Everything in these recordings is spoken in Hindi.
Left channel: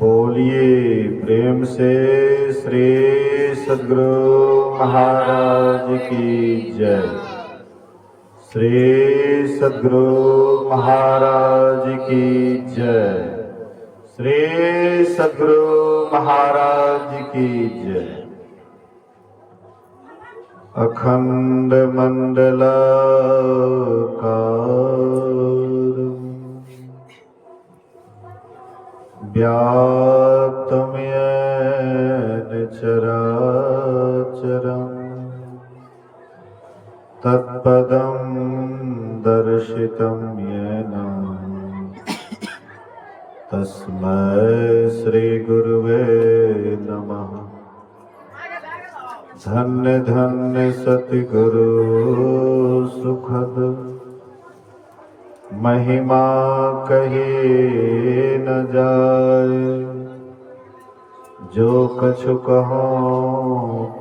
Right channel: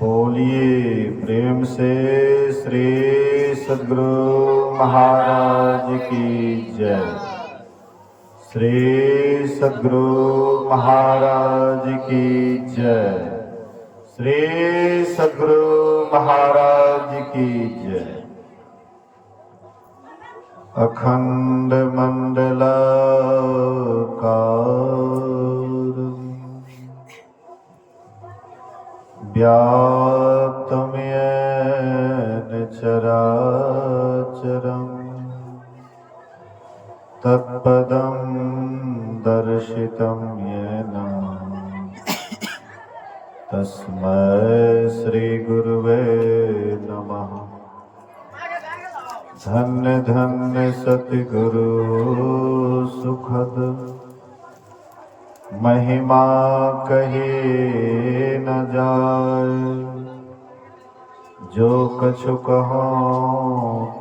बोलिए प्रेम से श्री सद्गुरु महाराज की जय। श्री सद्गुरु महाराज की जय। श्री सद्गुरु महाराज की जय। अखंड मंडलाकार व्याप्तं येन चराचरं तत्पदं दर्शितं येन तस्मै श्री गुरुवे नमः। धन्य धन्य सतगुरु सुखद महिमा कहे न जाए। जो कछु कहो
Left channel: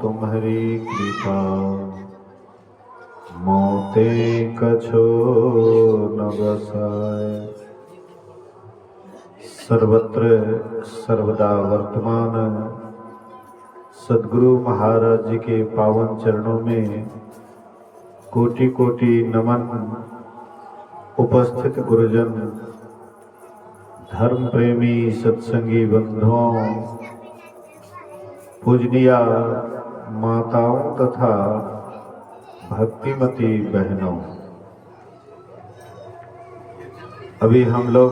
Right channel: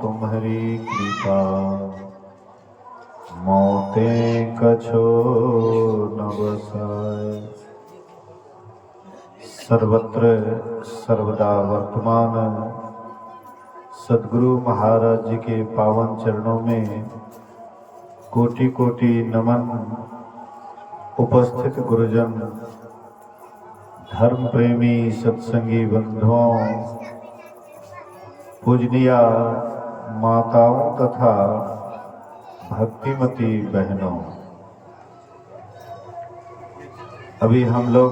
तुम्हारी कृपा मोते कछु न बसाए। सर्वत्र सर्वदा वर्तमान सद्गुरु महाराज जी के पावन चरणों में कोटि कोटि नमन। उपस्थित गुरुजन, धर्म प्रेमी सत्संगी बंधुओं, पूजनीया माताओं तथा भक्तिमती बहनों, अभी हम लोग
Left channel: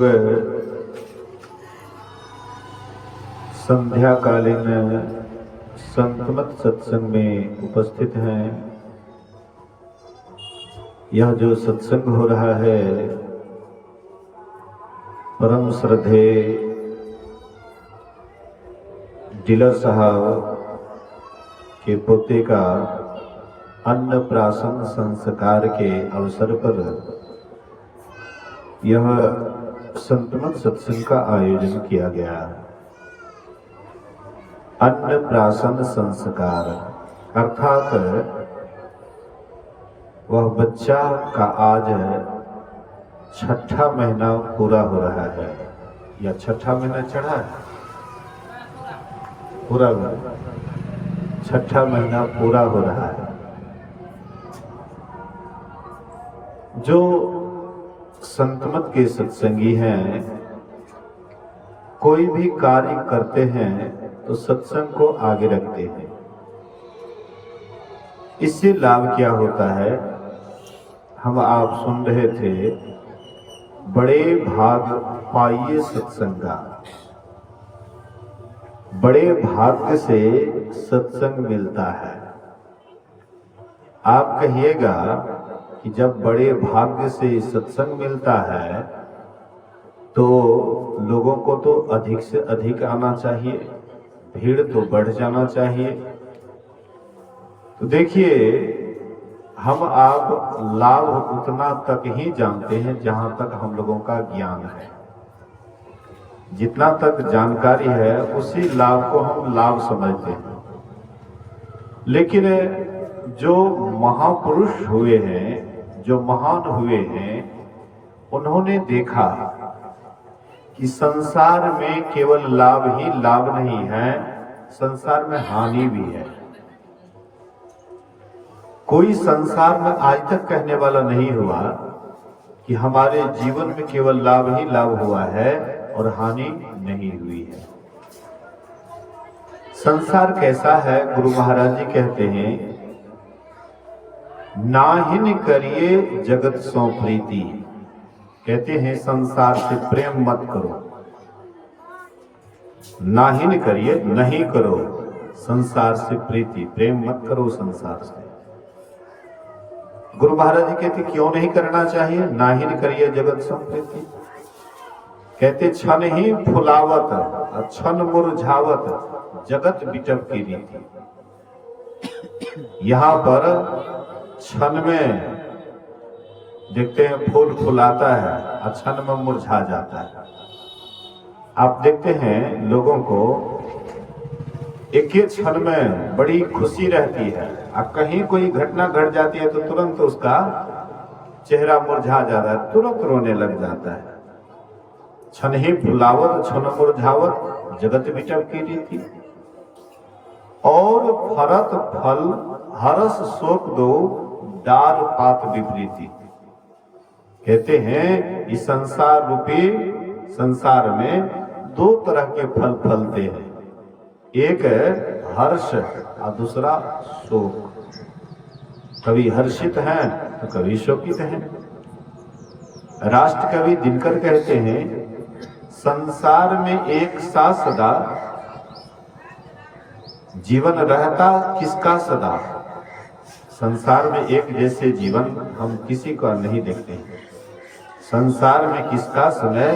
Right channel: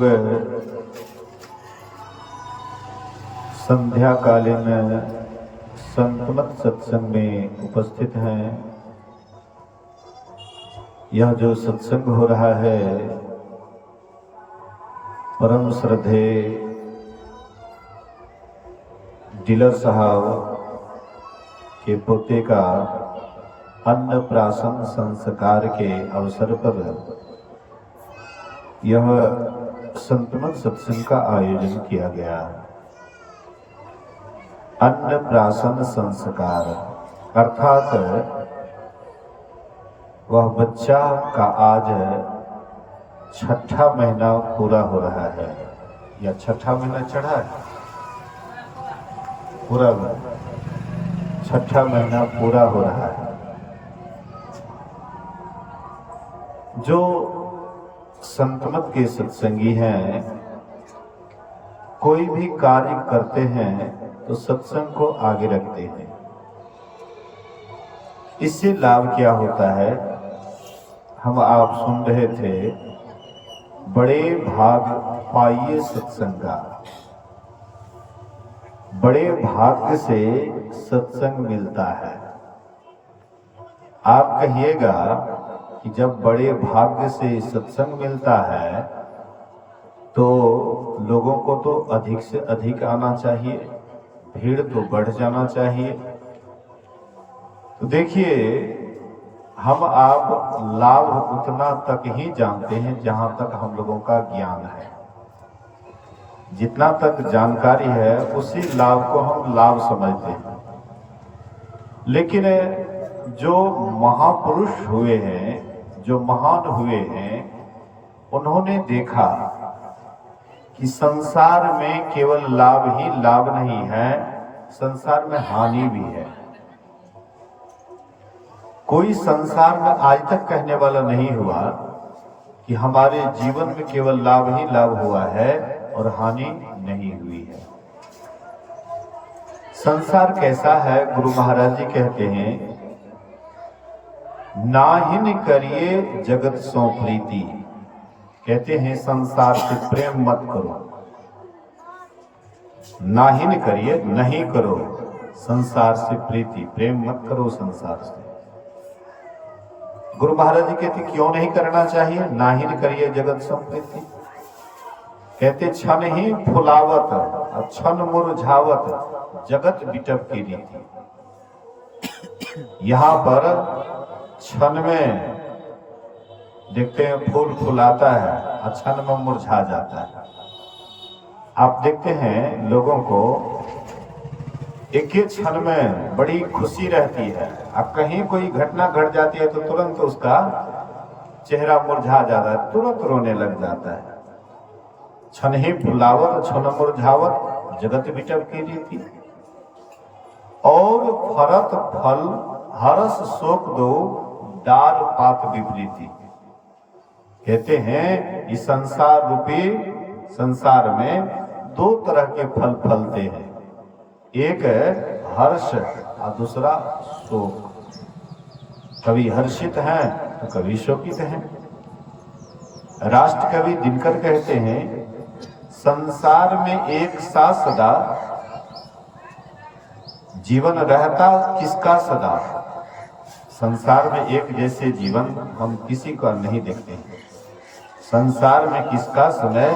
संध्याकालीन संतमत सत्संग में उपस्थित हैं। यह जो सत्संग हो रहा है परम श्रद्धे डीलर साहब के पोते का अन्नप्राशन संस्कार के अवसर पर यह संतमत सत्संग का आयोजन किया गया। अन्नप्राशन संस्कार अर्थात वह बच्चा का आज 6ठा महीना पूरा हो रहा है या 6ठा महीना चढ़ा है, पूरा 6ठा महीना पूरा हो रहा है। जो संतमत के सत्संगी हैं, कोई भी कार्य करते हैं तो सत्संग को आगे रखते हैं। इससे लाभ क्या होता है? हम आप सुन रहे थे, बड़े भाग पाइए सत्संग का। बड़े भाग्य से सत्संग मिलता है। आप कहिएगा कि जब बड़े भाग्य से सत्संग मिलता है तो लोगों को तो अधिक से अधिक आना चाहिए, भीड़ तो बढ़ जाना चाहिए। तो देखिए, हम आप लाभ उतना तक ही जानते हैं जहां तक हम लोगों का ज्ञान है। जितना तक जानकारी है उसी लाभ को हम लाभ समझते हैं। लेकिन जो महापुरुष हुए हैं, जो महान हुए हैं, उन्होंने देखा कि संसार में केवल लाभ ही लाभ नहीं है, संसार में हानि भी है। कोई संसार में आज तक कहने वाला नहीं हुआ कि हमारे जीवन में केवल लाभ ही लाभ हुआ है और हानि नहीं हुई है। संसार कैसा है? गुरु महाराज जी कहते हैं, नाहिन करिए जगत सो प्रीति। कहते हैं संसार से प्रेम मत करो। नाहिन करिए, नहीं करो संसार से प्रीति, प्रेम मत करो संसार से। गुरु महाराज जी कहते क्यों नहीं करना चाहिए? नाहिन करिए जगत सो प्रीति। कहते क्षण ही फुलावत क्षण मुरझावत जगत बिटप की रीति। यहाँ पर क्षण में देखते हैं फूल फुलाता है, क्षण में मुरझा जाता है। आप देखते हैं लोगों को एक ही क्षण में बड़ी खुशी रहती है, और कहीं कोई घटना घट जाती है तो तुरंत उसका चेहरा मुरझा जाता है, तुरंत रोने लग जाता है। क्षण ही फुलावत क्षण मुरझावत जगत बिटप की रीति। और फरत फल हरस शोक दो डाल पात विपरीति। कहते हैं इस संसार रूपी संसार में दो तरह के फल फलते हैं, एक है हर्ष और दूसरा शोक। कभी हर्षित हैं तो कभी शोकित हैं। राष्ट्र कवि दिनकर कहते हैं संसार में एक सा सदा जीवन रहता किसका सदा। संसार में एक जैसे जीवन हम किसी का नहीं देखते हैं। संसार में किसका समय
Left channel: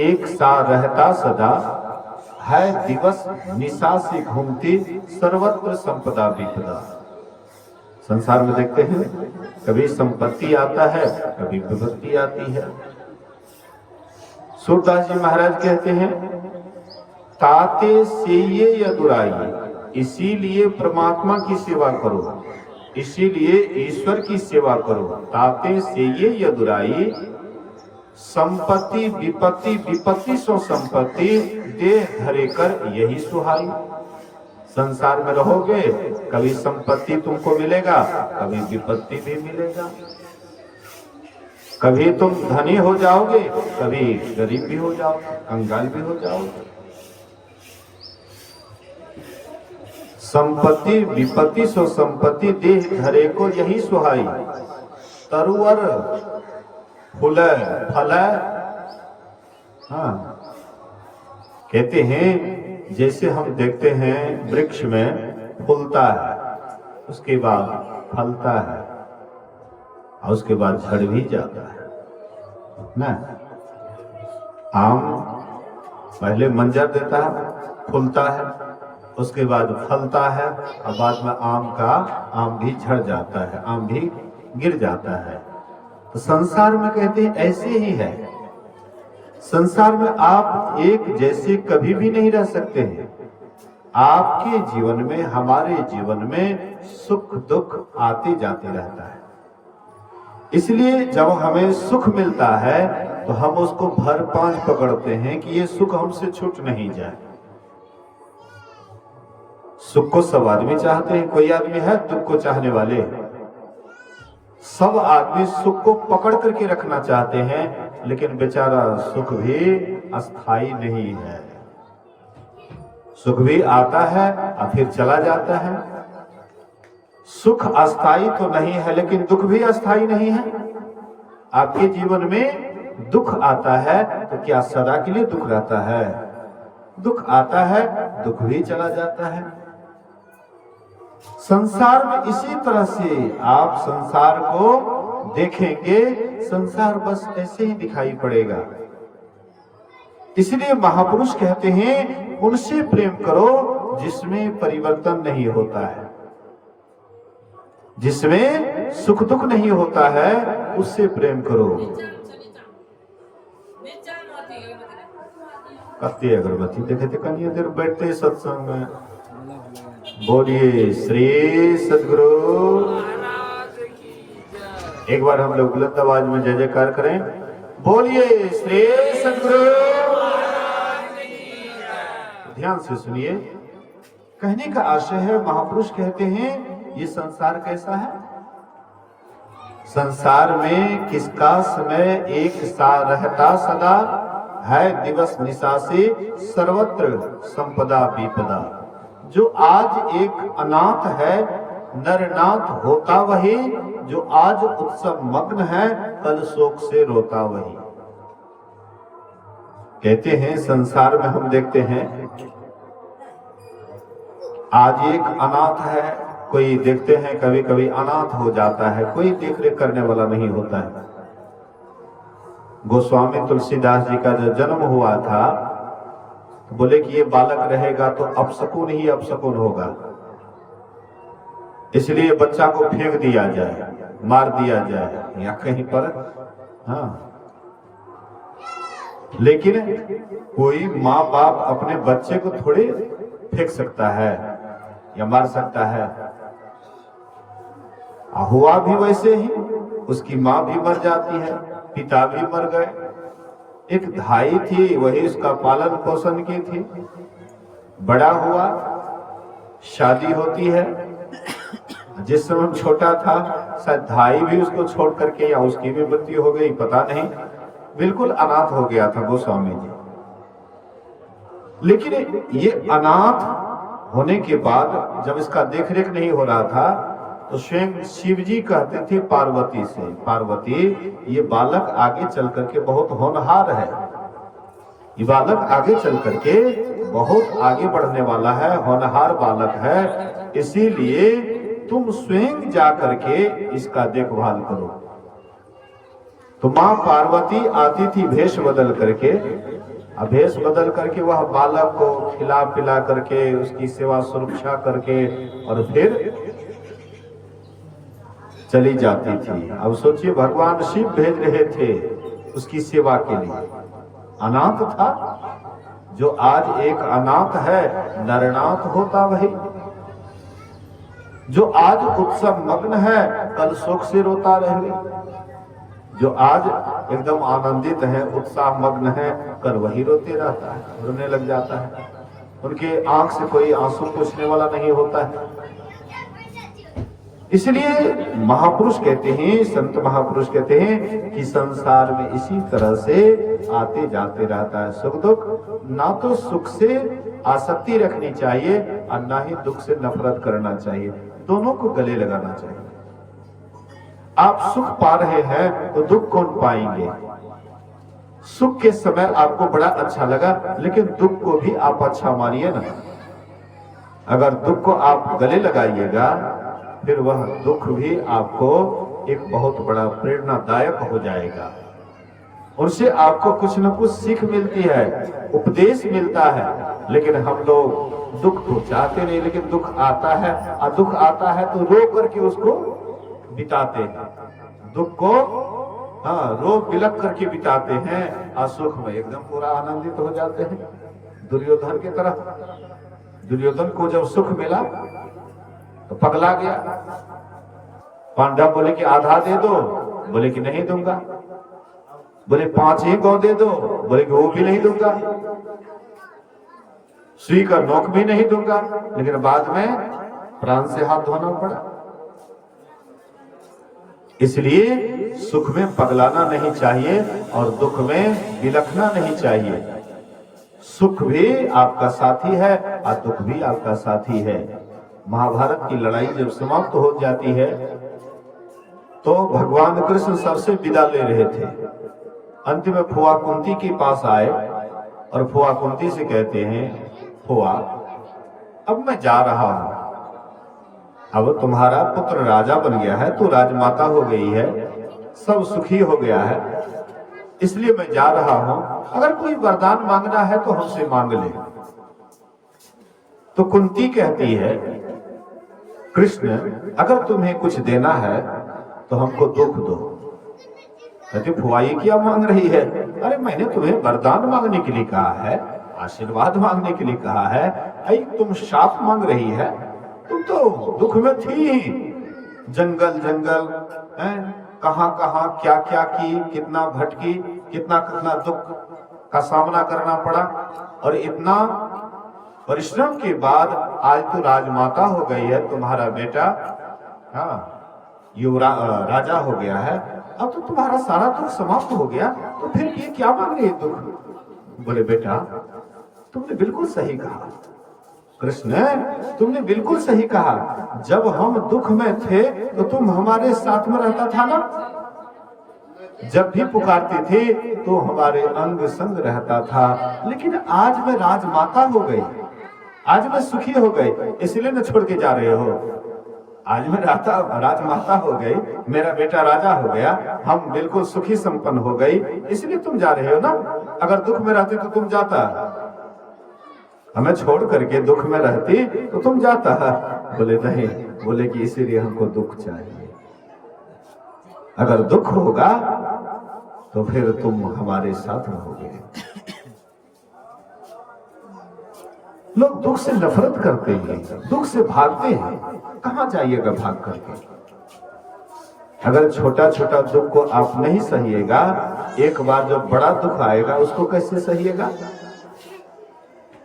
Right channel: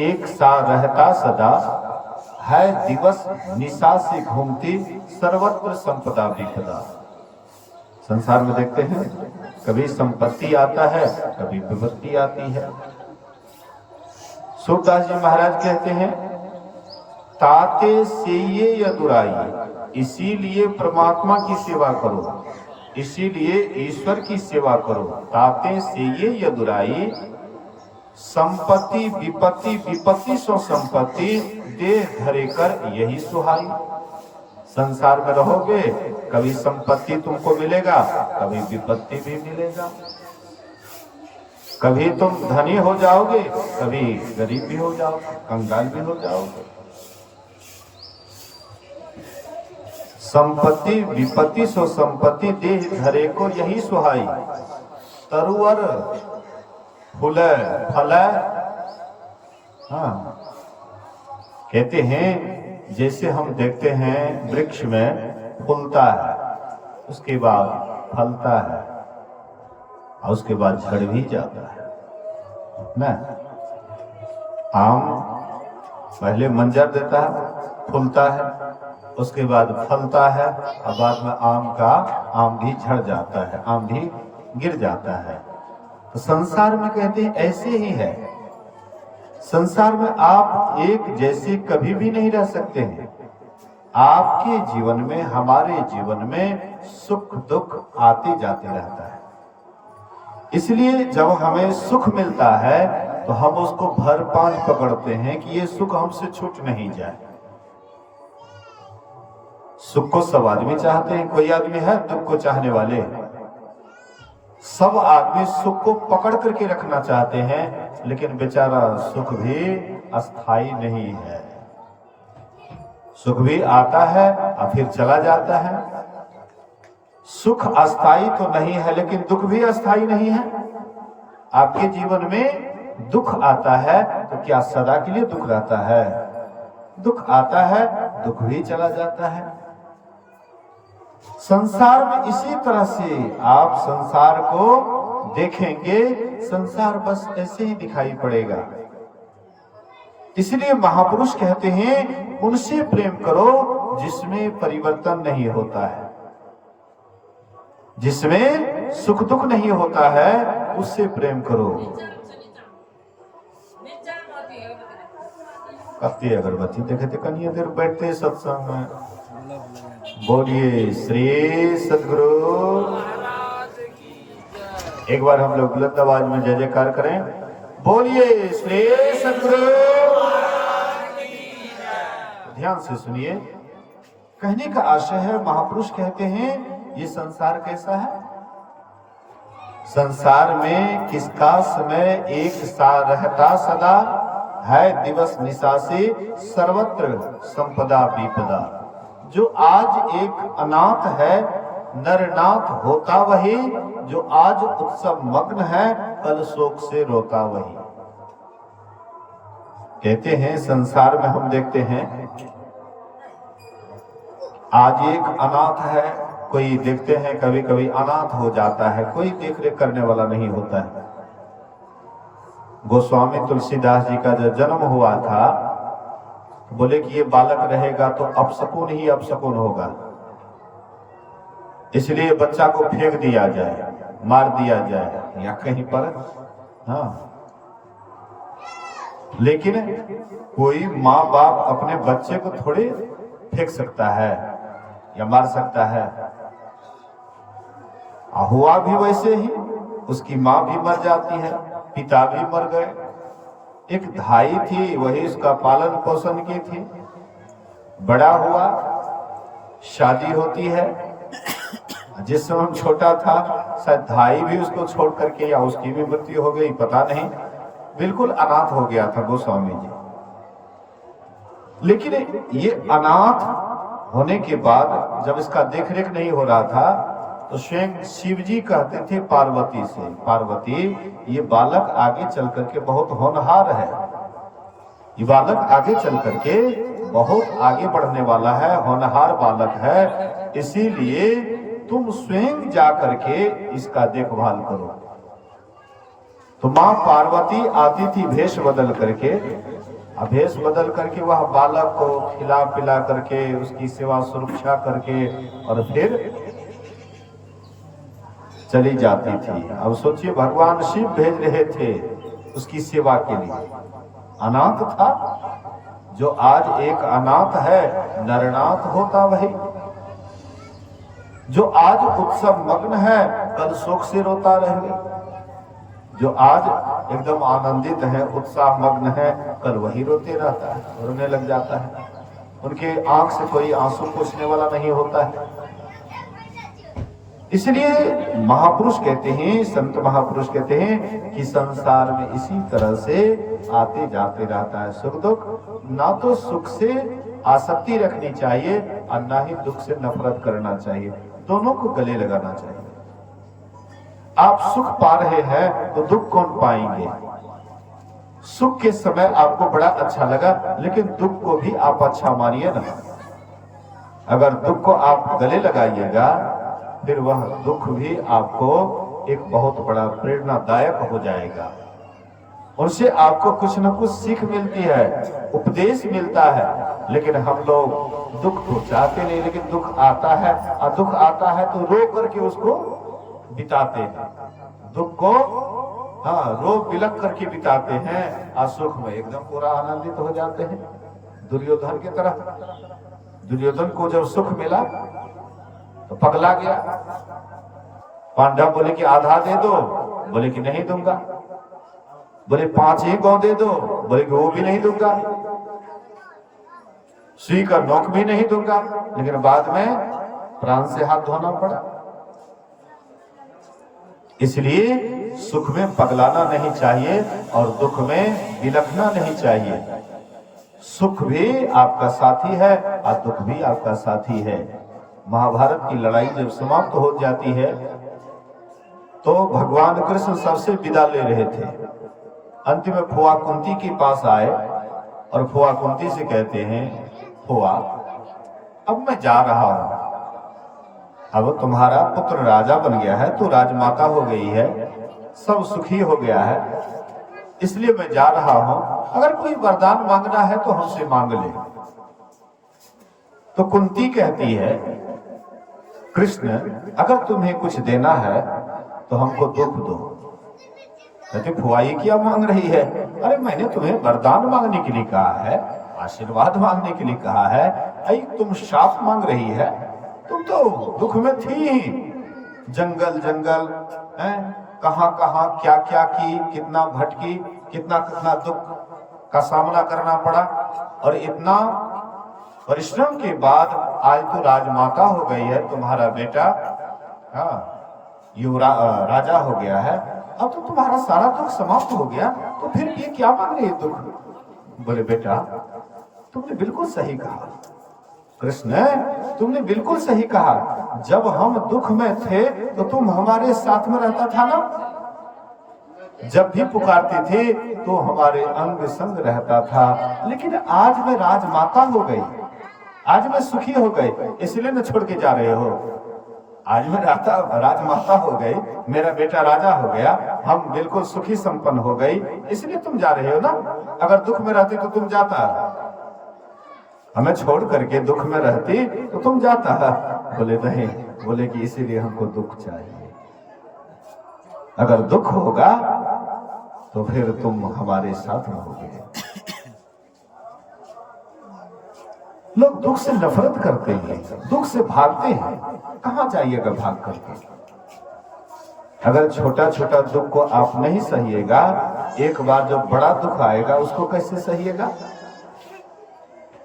एक सा रहता सदा, है दिवस निशा से घूमती सर्वत्र संपदा विपदा। संसार में देखते हैं कभी संपत्ति आता है कभी विपत्ति आती है। सूरदास जी महाराज कहते हैं ताते से ये अदुराई, इसीलिए परमात्मा की सेवा करो, इसीलिए ईश्वर की सेवा करो। ताते से ये अदुराई, संपत्ति विपत्ति विपत्ति सो संपत्ति, देह धरे कर यही सुहाई। संसार में रहोगे कभी संपत्ति तुमको मिलेगा कभी विपत्ति भी मिलेगा। कभी तुम धनी हो जाओगे कभी गरीब भी हो जाओगे, कंगाल भी हो जाओगे। संपत्ति विपत्ति सो संपत्ति, देह धरे को यही सुहाई। तरुवर फूले फले, हाँ कहते हैं जैसे हम देखते हैं वृक्ष में फूलता है उसके बाद फलता है और उसके बाद झड़ भी जाता है ना। आम पहले मंजर देता है, फूलता है, उसके बाद फलता है और बाद में आम भी झड़ जाता है, आम भी गिर जाता है। तो संसार में कहते हैं ऐसे ही है। संसार में आप एक जैसे कभी भी नहीं रह सकते हैं। आपके जीवन में हमारे जीवन में सुख दुख आते जाते रहता है। इसलिए जब हमें सुख मिलता है तो हम उसको भर पांच पकड़ते हैं कि ये सुख हमसे छूट नहीं जाए। सुख को सब आदमी चाहते हैं, कोई आदमी है दुख को चाहने वाले? सब आदमी सुख को पकड़ करके रखना चाहते हैं, लेकिन बेचारा सुख भी अस्थाई नहीं है। सुख भी आता है और फिर चला जाता है। सुख अस्थाई तो नहीं है लेकिन दुख भी अस्थाई नहीं है। आपके जीवन में दुख आता है तो क्या सदा के लिए दुख रहता है? दुख आता है, दुख भी चला जाता है। संसार में इसी तरह से आप संसार को देखेंगे, संसार बस ऐसे ही दिखाई पड़ेगा। इसलिए महापुरुष कहते हैं उनसे प्रेम करो जिसमें परिवर्तन नहीं होता है, जिसमें सुख दुख नहीं होता है, उससे प्रेम करो। कत्ती अगरबत्ती देखे थे कन्या देर बैठते सत्संग में। बोलिए श्री सद्गुरु। एक बार हम लोग बुलंद आवाज में जय जयकार करें। बोलिए श्री सद्गुरु। ध्यान से सुनिए, कहने का आशय है महापुरुष कहते हैं ये संसार कैसा है? संसार में किसका समय एक सा रहता सदा, है दिवस निशा से सर्वत्र संपदा विपदा। जो आज एक अनाथ है नरनाथ होता वही, जो आज उत्सव मग्न है कल शोक से रोता वही। कहते हैं संसार में हम देखते हैं आज एक अनाथ है, कोई देखते हैं कभी कभी अनाथ हो जाता है, कोई देख रेख करने वाला नहीं होता है। गोस्वामी तुलसीदास जी का जब जन्म हुआ था तो बोले कि ये बालक रहेगा तो अपशकुन ही अपशकुन होगा, इसलिए बच्चा को फेंक दिया जाए, मार दिया जाए या कहीं पर। हाँ, लेकिन कोई माँ बाप अपने बच्चे को थोड़े फेंक सकता है या मार सकता है। हुआ भी वैसे ही, उसकी माँ भी मर जाती है, पिता भी मर गए। एक धाई थी वही उसका पालन पोषण की थी, बड़ा हुआ, शादी होती है। जिस समय छोटा था शायद भाई भी उसको छोड़ करके या उसकी भी मृत्यु हो गई, पता नहीं, बिल्कुल अनाथ हो गया था गोस्वामी जी। लेकिन ये अनाथ होने के बाद जब इसका देखरेख नहीं हो रहा था तो स्वयं शिव जी कहते थे पार्वती से, पार्वती ये बालक आगे चल करके बहुत होनहार है, ये बालक आगे चल करके बहुत आगे बढ़ने वाला है, होनहार बालक है, इसीलिए तुम स्वयं जा करके इसका देखभाल करो। तो मां पार्वती आती थी भेष बदल करके, भेष बदल करके वह बालक को खिला पिला करके उसकी सेवा सुरक्षा करके और फिर चली जाती थी। अब सोचिए भगवान शिव भेज रहे थे उसकी सेवा के लिए, अनाथ था। जो आज एक अनाथ है नरनाथ होता वही, जो आज उत्सव मग्न है कल शोक से रोता रहेगा, जो आज एकदम आनंदित है उत्साह मग्न है कल वही रोते रहता है, रोने लग जाता है, उनके आंख से कोई आंसू पोंछने वाला नहीं होता है। इसलिए महापुरुष कहते हैं, संत महापुरुष कहते हैं कि संसार में इसी तरह से आते जाते रहता है सुख दुख। ना तो सुख से आसक्ति रखनी चाहिए और ना ही दुख से नफरत करना चाहिए, दोनों को गले लगाना चाहिए। आप सुख पा रहे हैं तो दुख कौन पाएंगे? सुख के समय आपको बड़ा अच्छा लगा, लेकिन दुख को भी आप अच्छा मानिए ना। अगर दुख को आप गले लगाइएगा फिर वह दुख भी आपको एक बहुत बड़ा प्रेरणादायक हो जाएगा, उनसे आपको कुछ न कुछ सीख मिलती है, उपदेश मिलता है। लेकिन हम लोग दुख तो चाहते नहीं, लेकिन दुख आता है और दुख आता है तो रो करके उसको बिताते हैं, दुख को रो बिलक करके बिताते हैं और सुख में एकदम पूरा आनंदित हो जाते हैं। दुर्योधन की तरह, दुर्योधन को जब सुख मिला तो पगला गया। पांडव बोले कि आधा दे दो, बोले कि नहीं दूंगा। बोले 5 ही गौ दे दो, बोले कि वो भी नहीं दूंगा। सुई का नोक भी नहीं दूंगा। लेकिन बाद में प्राण से हाथ धोना पड़ा। इसलिए सुख में पगलाना नहीं चाहिए और दुख में बिलखना नहीं चाहिए। सुख भी आपका साथी है और दुख भी आपका साथी है। महाभारत की लड़ाई जब समाप्त हो जाती है तो भगवान कृष्ण सबसे विदा ले रहे थे। अंत में फुआ कुंती के पास आए और फुआ कुंती से कहते हैं, फुआ अब मैं जा रहा हूं, अब तुम्हारा पुत्र राजा बन गया है, तो राजमाता हो गई है, सब सुखी हो गया है, इसलिए मैं जा रहा हूं, अगर कोई वरदान मांगना है तो हमसे मांग ले। तो कुंती कहती है, कृष्ण अगर तुम्हें कुछ देना है तो हमको दुख दो। कहते फुआ ये क्या मांग रही है? अरे मैंने तुम्हें वरदान मांगने के लिए कहा है, आशीर्वाद मांगने के लिए कहा है, अरे तुम शाप मांग रही है? तुम तो दुख में थी, जंगल जंगल कहां कहां क्या क्या की, कितना भटकी, कितना कितना दुख का सामना करना पड़ा, और इतना परिश्रम के बाद आज तो राजमाता हो गई है, तुम्हारा बेटा राजा हो गया है, अब तो तुम्हारा सारा दुख समाप्त हो गया, तो फिर ये क्या मांग रही है दुख? बोले बेटा तुमने बिल्कुल सही कहा, कृष्ण तुमने बिल्कुल सही कहा, जब हम दुख में थे तो तुम हमारे साथ में रहता था ना, जब भी पुकारते थे तो हमारे अंग संग रहता था। लेकिन आज मैं राजमाता हो गई, आज मैं सुखी हो गई, इसलिए न छोड़ के जा रहे हो। आज मैं राजमाता हो गई, मेरा बेटा राजा हो गया, हम बिल्कुल सुखी संपन्न हो गई, इसलिए तुम जा रहे हो ना। अगर दुख में रहती तो तुम जाता, हमें छोड़ करके दुख में रहती तो तुम जाता। बोले नहीं, बोले कि इसीलिए हमको दुख चाहिए, अगर दुख होगा तो फिर तुम हमारे साथ रहोगे। लोग दुख से नफरत करते हैं, दुख से भागते हैं, कहां जाइएगा भाग करके? अगर छोटा छोटा दुख को आप नहीं सहिएगा, एक बार जब बड़ा दुख आएगा उसको कैसे सहिएगा?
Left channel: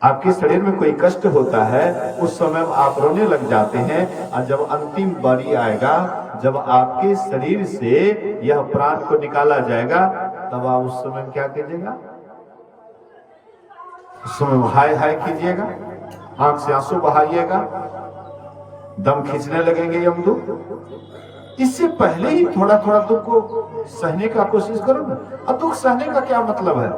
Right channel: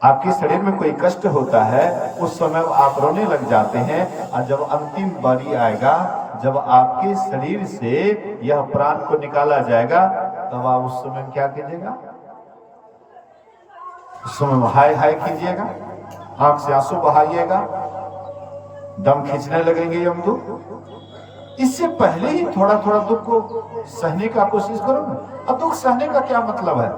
आपके शरीर में कोई कष्ट होता है, उस समय आप रोने लग जाते हैं, और जब अंतिम बारी आएगा, जब आपके शरीर से यह प्राण को निकाला जाएगा, तब आप उस समय क्या कीजिएगा? उस समय हाय हाय कीजिएगा, आंख से आंसू बहाइएगा, दम खींचने लगेंगे यमदूत। इससे पहले ही थोड़ा थोड़ा दुख को सहने का कोशिश करो ना। अब दुख सहने का क्या मतलब है?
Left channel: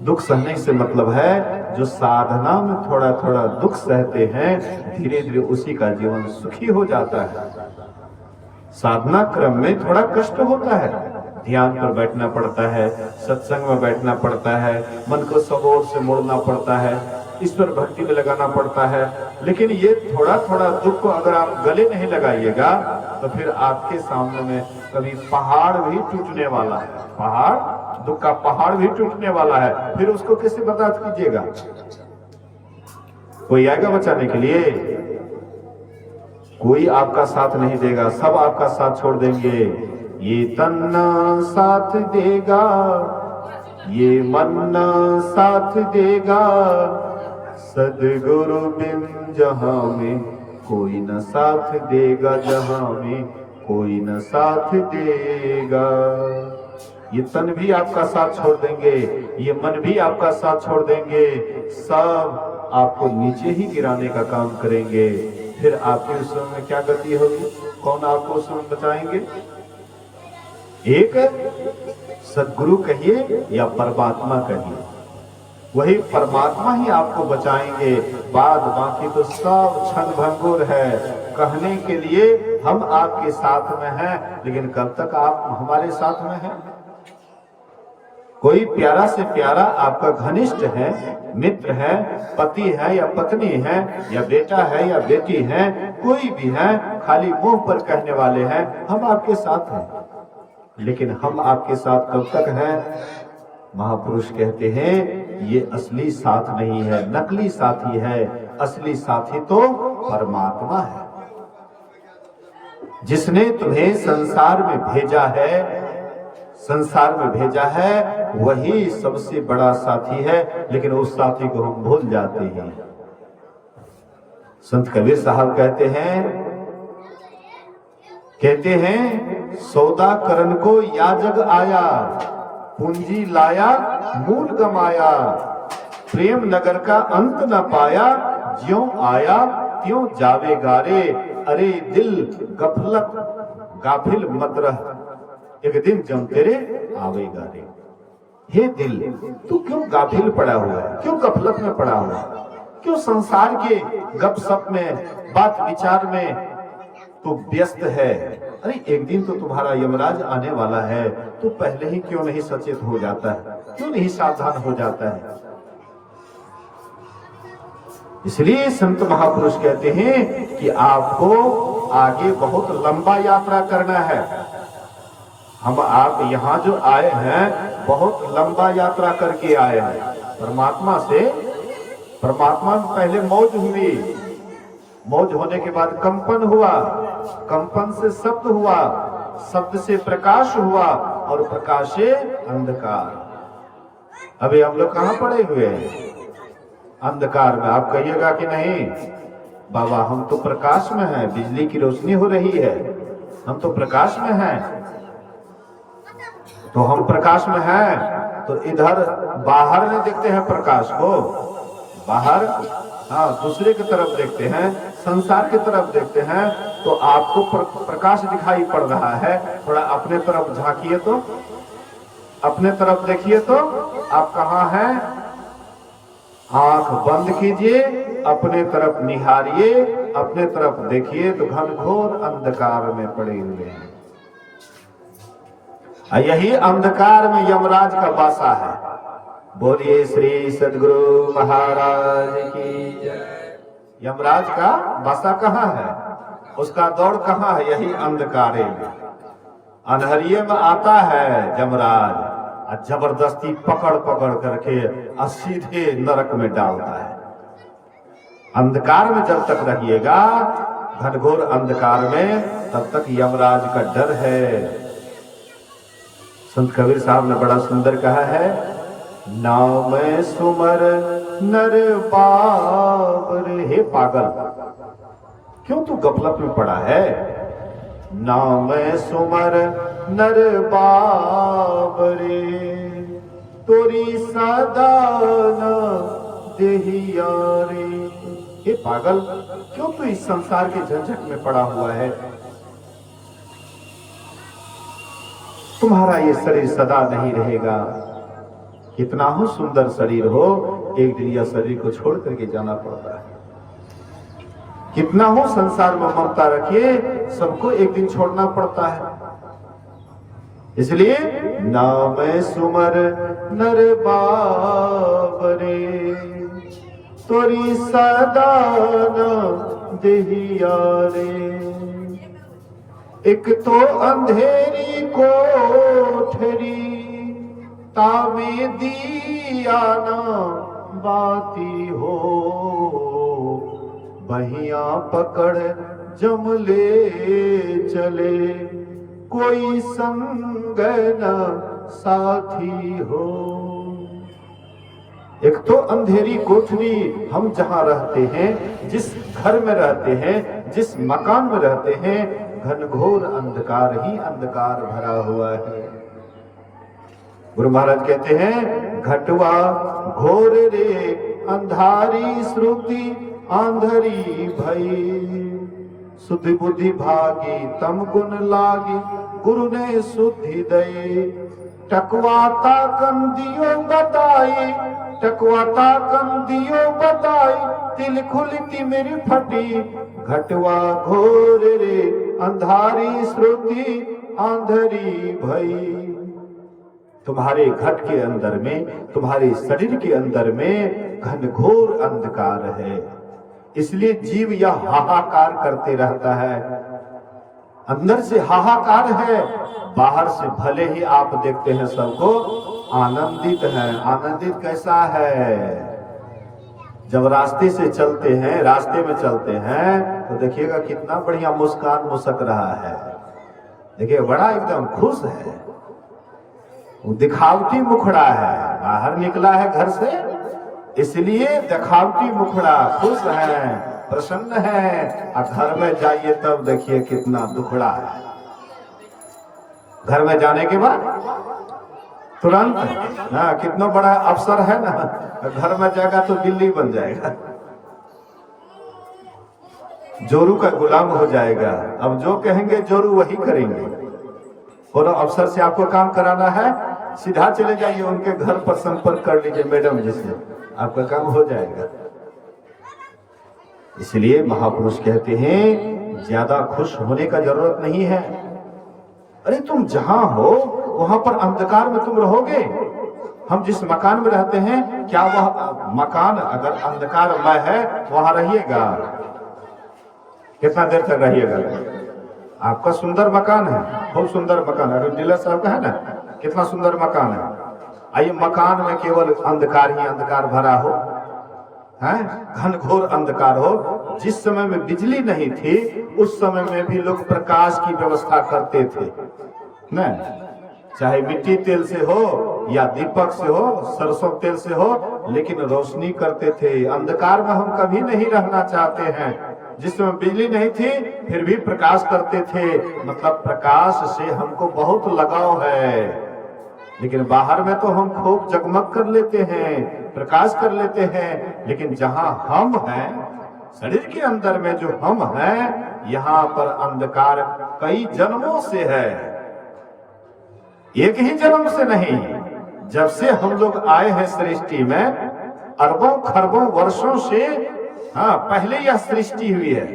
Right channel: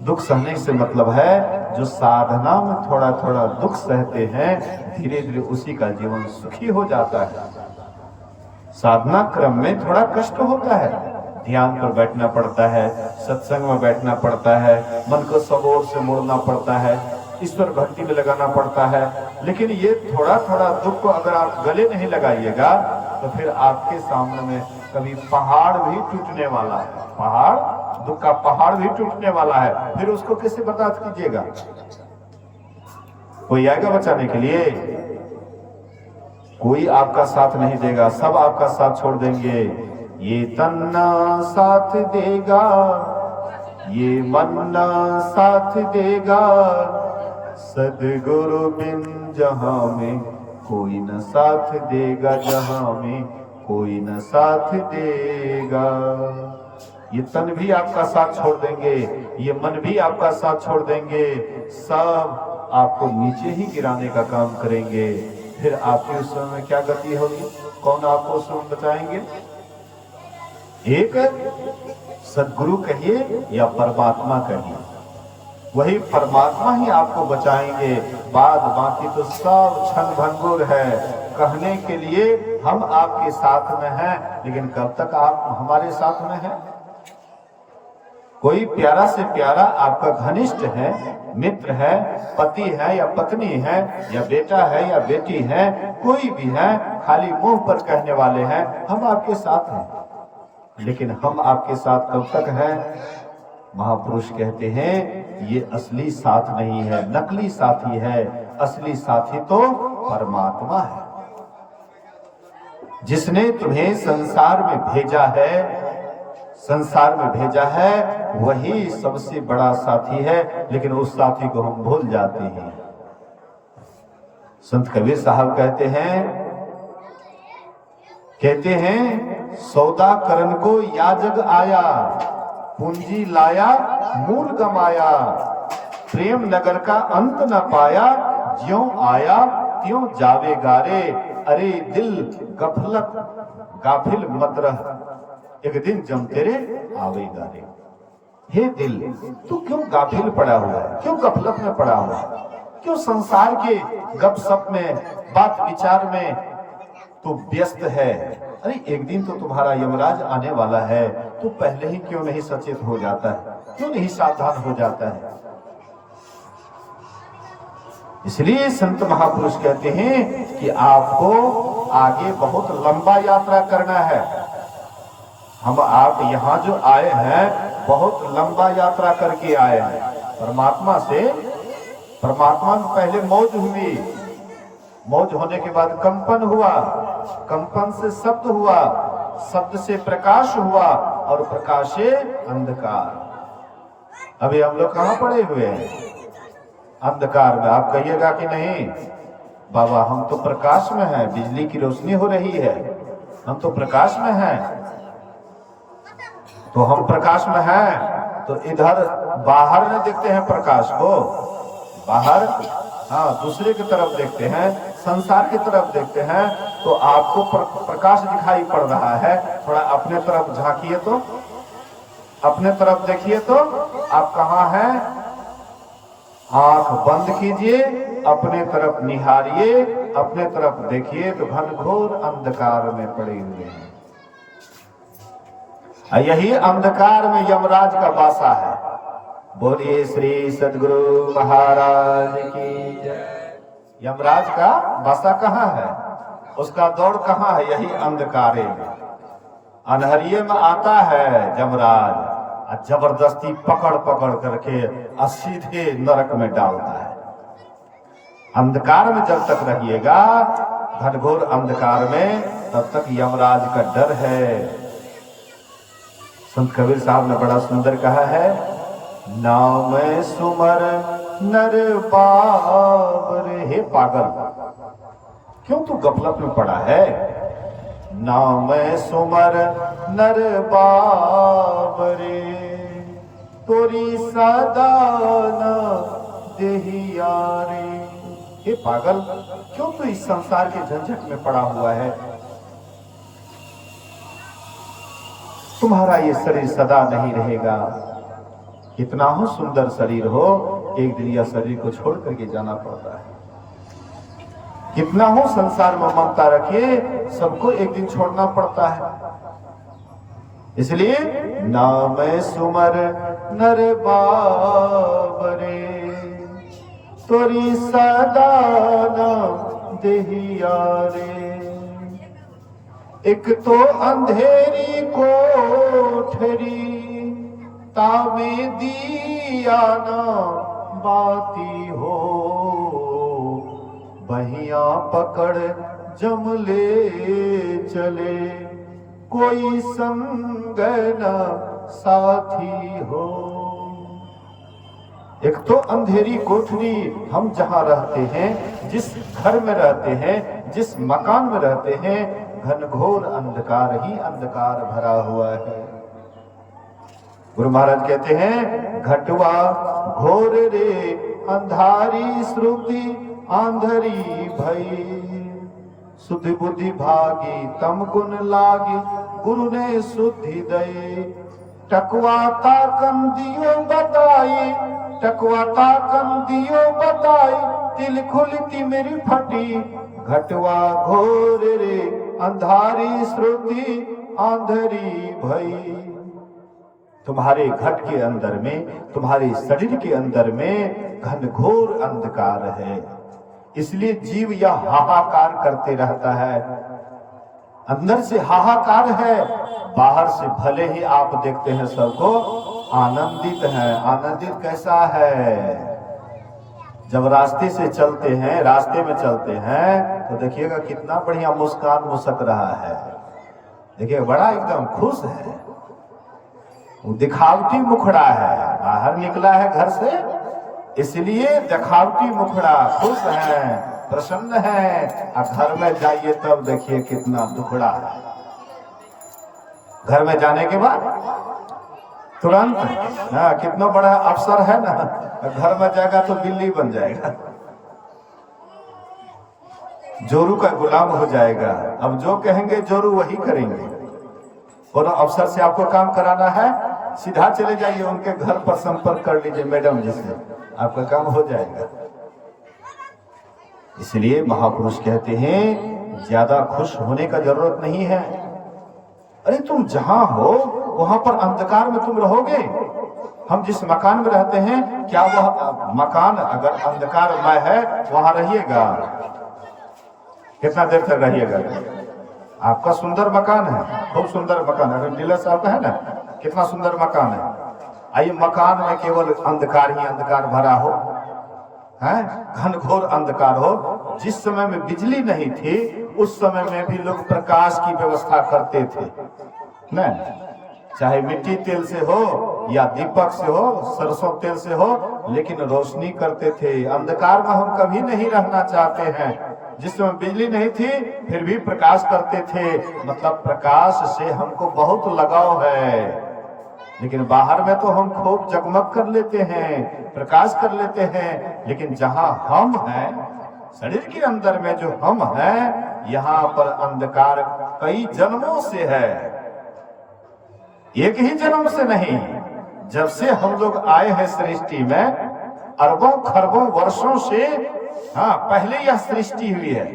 दुख सहने से मतलब है, जो साधना में थोड़ा थोड़ा दुख सहते हैं, धीरे धीरे उसी का जीवन सुखी हो जाता है। साधना क्रम में थोड़ा कष्ट होता है, ध्यान पर बैठना पड़ता है, सत्संग में बैठना पड़ता है, मन को सब ओर से मोड़ना पड़ता है, ईश्वर भक्ति में लगाना पड़ता है। लेकिन ये थोड़ा थोड़ा दुख को अगर आप गले नहीं लगाइएगा, तो फिर आपके सामने में कभी पहाड़ भी टूटने वाला है। पहाड़, दुख का पहाड़ भी टूटने वाला है, फिर उसको कैसे बर्दाश्त कीजिएगा? कोई आएगा बचाने के लिए? कोई आपका साथ नहीं देगा, सब आपका साथ छोड़ देंगे। ये तन साथ देगा, ये मन साथ देगा, सदगुरु बिन जहां में कोई न साथ देगा, जहां में कोई न साथ देगा। ये तन भी आपका साथ छोड़ देंगे, ये मन भी आपका साथ छोड़ देंगे, सब आपको नीचे ही गिराने का काम करेंगे। फिर आपके उस समय में क्या गति होगी? कौन आपको उस समय बचाएंगे? एक सदगुरु कहिए या परमात्मा कहिए, वही परमात्मा ही आपको बचाएंगे। बाद बाकी तो सब क्षण भंगुर है। कहने के लिए हम आपके साथ में हैं, लेकिन कब तक आप हमारे साथ में हैं? कोई प्यारा से प्यारा आपका घनिष्ठ है, मित्र है, पति है या पत्नी है, या बेटा है या बेटी है, कोई भी है, खाली मुंह पर कहने वाले हैं हम आपके साथ हैं, लेकिन हम आपके साथ कब तक हैं? महापुरुष कहते हैं ये असली साथ नहीं है, नकली साथी है। असली साथी तो परमात्मा है, जिसने तुम्हें संसार में भेजा है। संसार में भेजा है वही सबसे बड़ा साथी है, लेकिन उस साथी को हम भूल जाते हैं। संत कबीर साहब कहते हैं सौदा करन को याजक आया, पूंजी लाया मूल गमाया, प्रेम नगर का अंत न पाया, ज्यों आया त्यों जावे गारे। अरे दिल गफलत गाफिल मत रह, एक दिन जम तेरे आवेगा रे। हे दिल, तू क्यों गाफिल पड़ा हुआ है? क्यों गफलत में पड़ा हुआ है? क्यों संसार के गपशप में, बात विचार में तू व्यस्त है? अरे एक दिन तो तुम्हारा यमराज आने वाला है, तू पहले ही क्यों नहीं सचेत हो जाता है? क्यों नहीं सावधान हो जाता है? इसलिए संत महापुरुष कहते हैं कि आपको आगे बहुत लंबा यात्रा करना है। हम आप यहाँ जो आए हैं बहुत लंबा यात्रा करके आए हैं परमात्मा से। परमात्मा में पहले मौज हुई, मौज होने के बाद कंपन हुआ, कंपन से शब्द हुआ, शब्द से प्रकाश हुआ, और प्रकाश से अंधकार। अभी हम लोग कहाँ पड़े हुए हैं? अंधकार में। आप कहिएगा कि नहीं बाबा हम तो प्रकाश में हैं, बिजली की रोशनी हो रही है, हम तो प्रकाश में हैं। तो हम प्रकाश में हैं तो इधर बाहर में देखते हैं प्रकाश को, बाहर हाँ दूसरे की तरफ देखते हैं, संसार की तरफ देखते हैं, तो आपको प्रकाश दिखाई पड़ रहा है। थोड़ा अपने तरफ झांकिए तो, अपने तरफ देखिए तो आप कहाँ हैं? आंख बंद कीजिए, अपने तरफ निहारिए, अपने तरफ देखिए तो घनघोर अंधकार में पड़े हुए हैं। यही अंधकार में यमराज का वासा है। बोलिए श्री सद्गुरु महाराज की जय। यमराज का वासा कहाँ है? उसका दौड़ कहाँ है? यही अंधकारे में, अंधेरिये में आता है यमराज, जबरदस्ती पकड़ पकड़ करके सीधे नरक में डालता है। अंधकार में जब तक रहिएगा, घनघोर अंधकार में, तब तक यमराज का डर है। संत कबीर साहब ने बड़ा सुंदर कहा है, नाम सुमर नर बाबर। हे पागल, क्यों तू गफलत में पड़ा है? नाम सुमर नर बाबरे, तोरी सदा न देहिया रे। हे पागल, क्यों तू इस संसार के झंझट में पड़ा हुआ है? तुम्हारा ये शरीर सदा नहीं रहेगा। कितना हो सुंदर शरीर हो, एक दिन यह शरीर को छोड़ करके जाना पड़ता है। कितना हो संसार में ममता रखिए, सबको एक दिन छोड़ना पड़ता है। इसलिए नाम सुमर नर बाबरे, तोरी सदा न देहिया रे। एक तो अंधेरी कोठरी, तामे दिया न बाती हो। बहिया पकड़ जम ले चले, कोई संग न साथी हो। एक तो अंधेरी कोठरी, हम जहां रहते हैं, जिस घर में रहते हैं, जिस मकान में रहते हैं, घनघोर अंधकार ही अंधकार भरा हुआ है। गुरु महाराज कहते हैं, घटवा घोर रे अंधारी श्रुति आंधरी भई। सुधि बुद्धि भागी तम गुण लागी, गुरु ने सुधि दई। टकवाता कम दियो बताई, टकवाता कम दियो बताई। तिल खुलती मेरी फटी, घटवा घोर रे अंधारी श्रुति आंधरी भई। तुम्हारे घट के अंदर में, तुम्हारे शरीर के अंदर में घनघोर अंधकार है। इसलिए जीव यह हाहाकार करते रहता है। अंदर से हाहाकार है, बाहर से भले ही आप देखते हैं सबको आनंदित है। आनंदित कैसा है? जब रास्ते से चलते हैं, रास्ते में चलते हैं, तो देखिएगा कितना बढ़िया मुस्कान मुस्क रहा है। देखिए बड़ा एकदम खुश है, दिखावटी मुखड़ा है। बाहर निकला है घर से, इसलिए दिखावटी मुखड़ा, खुश है, प्रसन्न है। और घर में जाइए तब देखिए कितना दुखड़ा है। घर में जाने के बाद तुरंत ना, कितना बड़ा अफसर है ना, घर में जाएगा तो बिल्ली बन जाएगा, जोरू का गुलाम हो जाएगा। अब जो कहेंगे जोरू वही करेंगे। और अफसर से आपको काम कराना है, सीधा चले जाइए उनके घर पर संपर्क कर लीजिए मैडम जी से, आपका काम हो जाएगा। इसलिए महापुरुष कहते हैं ज्यादा खुश होने का जरूरत नहीं है। अरे तुम जहां हो वहां पर अंधकार में तुम रहोगे। हम जिस मकान में रहते हैं, क्या वह मकान अगर अंधकारमय है वहां रहिएगा? कितना देर तक रहिएगा? आपका सुंदर मकान है, खूब सुंदर मकान है, अगर डीलर साहब का है ना, कितना सुंदर मकान है। आइए मकान में केवल अंधकार ही अंधकार भरा हो, है घनघोर अंधकार हो। जिस समय में बिजली नहीं थी, उस समय में भी लोग प्रकाश की व्यवस्था करते थे न, चाहे मिट्टी तेल से हो या दीपक से हो, सरसों तेल से हो, लेकिन रोशनी करते थे। अंधकार में हम कभी नहीं रहना चाहते हैं। जिस समय बिजली नहीं थी फिर भी प्रकाश करते थे, मतलब प्रकाश से हमको बहुत लगाव है। लेकिन बाहर में तो हम खूब जगमग कर लेते हैं, प्रकाश कर लेते हैं, लेकिन जहां हम हैं, शरीर के अंदर में जो हम हैं, यहाँ पर अंधकार कई जन्मों से है, एक ही जन्म से नहीं। जब से हम लोग आए हैं सृष्टि में, अरबों खरबों वर्षों से, हाँ पहले यह सृष्टि हुई है,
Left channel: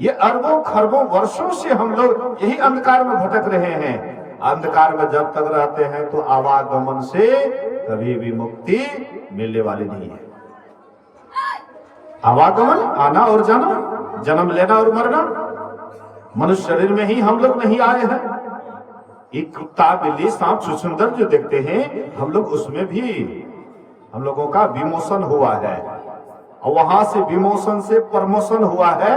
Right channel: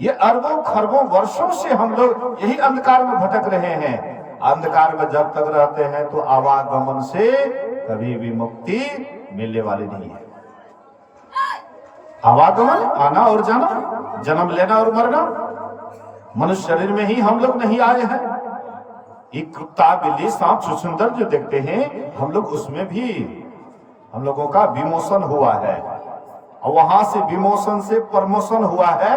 ये अरबों खरबों वर्षों से हम लोग यही अंधकार में भटक रहे हैं। अंधकार में जब तक रहते हैं तो आवागमन से कभी भी मुक्ति मिलने वाली नहीं है। आवागमन, आना और जाना, जन्म लेना और मरना, मनुष्य शरीर में ही हम लोग नहीं आए हैं। एक कुत्ता बिल्ली सांप सुंदर जो देखते हैं, हम लोग उसमें भी हम लोगों का विमोशन हुआ है, और वहां से विमोशन से प्रमोशन हुआ है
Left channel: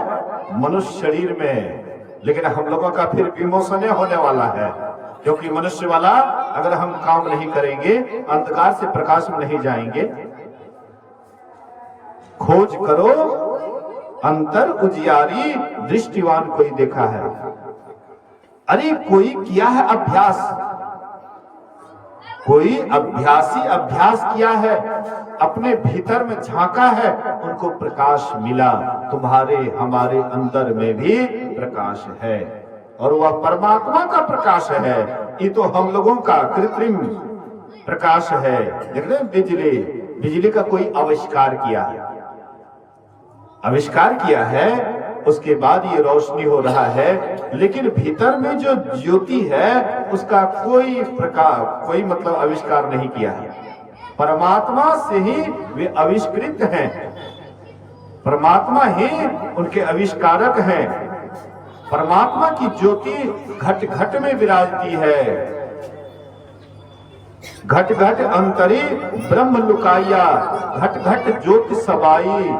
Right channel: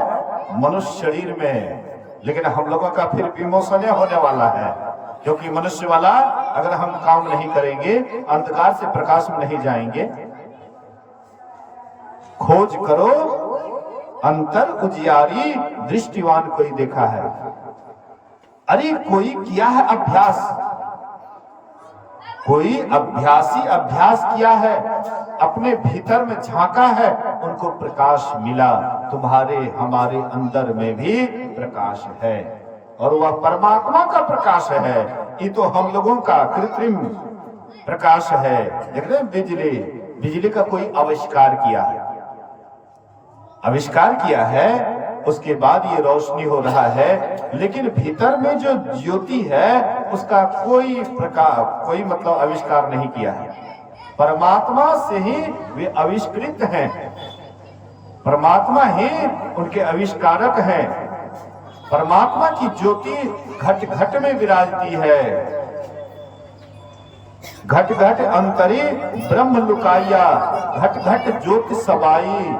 मनुष्य शरीर में। लेकिन हम लोगों का फिर विमोशन होने वाला है, क्योंकि मनुष्य वाला अगर हम काम नहीं करेंगे, अंधकार से प्रकाश में नहीं जाएंगे। खोज करो अंतर उजियारी, दृष्टिवान कोई देखा है। अरे कोई किया है अभ्यास, कोई अभ्यासी अभ्यास किया है, अपने भीतर में झांका है, उनको प्रकाश मिला। तुम्हारे हमारे अंदर में भी प्रकाश है और वह परमात्मा का प्रकाश है। ये तो हम लोगों का कृत्रिम प्रकाश है। देख रहे बिजली, बिजली का कोई आविष्कार किया है, आविष्कार किया है, उसके बाद ये रोशनी हो रहा है, लेकिन भीतर में जो ज्योति है उसका कोई प्रकाश, कोई मतलब आविष्कार नहीं किया है। परमात्मा से ही वे आविष्कृत हैं, परमात्मा ही उनके आविष्कारक हैं। परमात्मा की ज्योति घट घट में विराजती है। घट घट अंतरी ब्रह्म लुकाइया, घट घट ज्योति सबाई,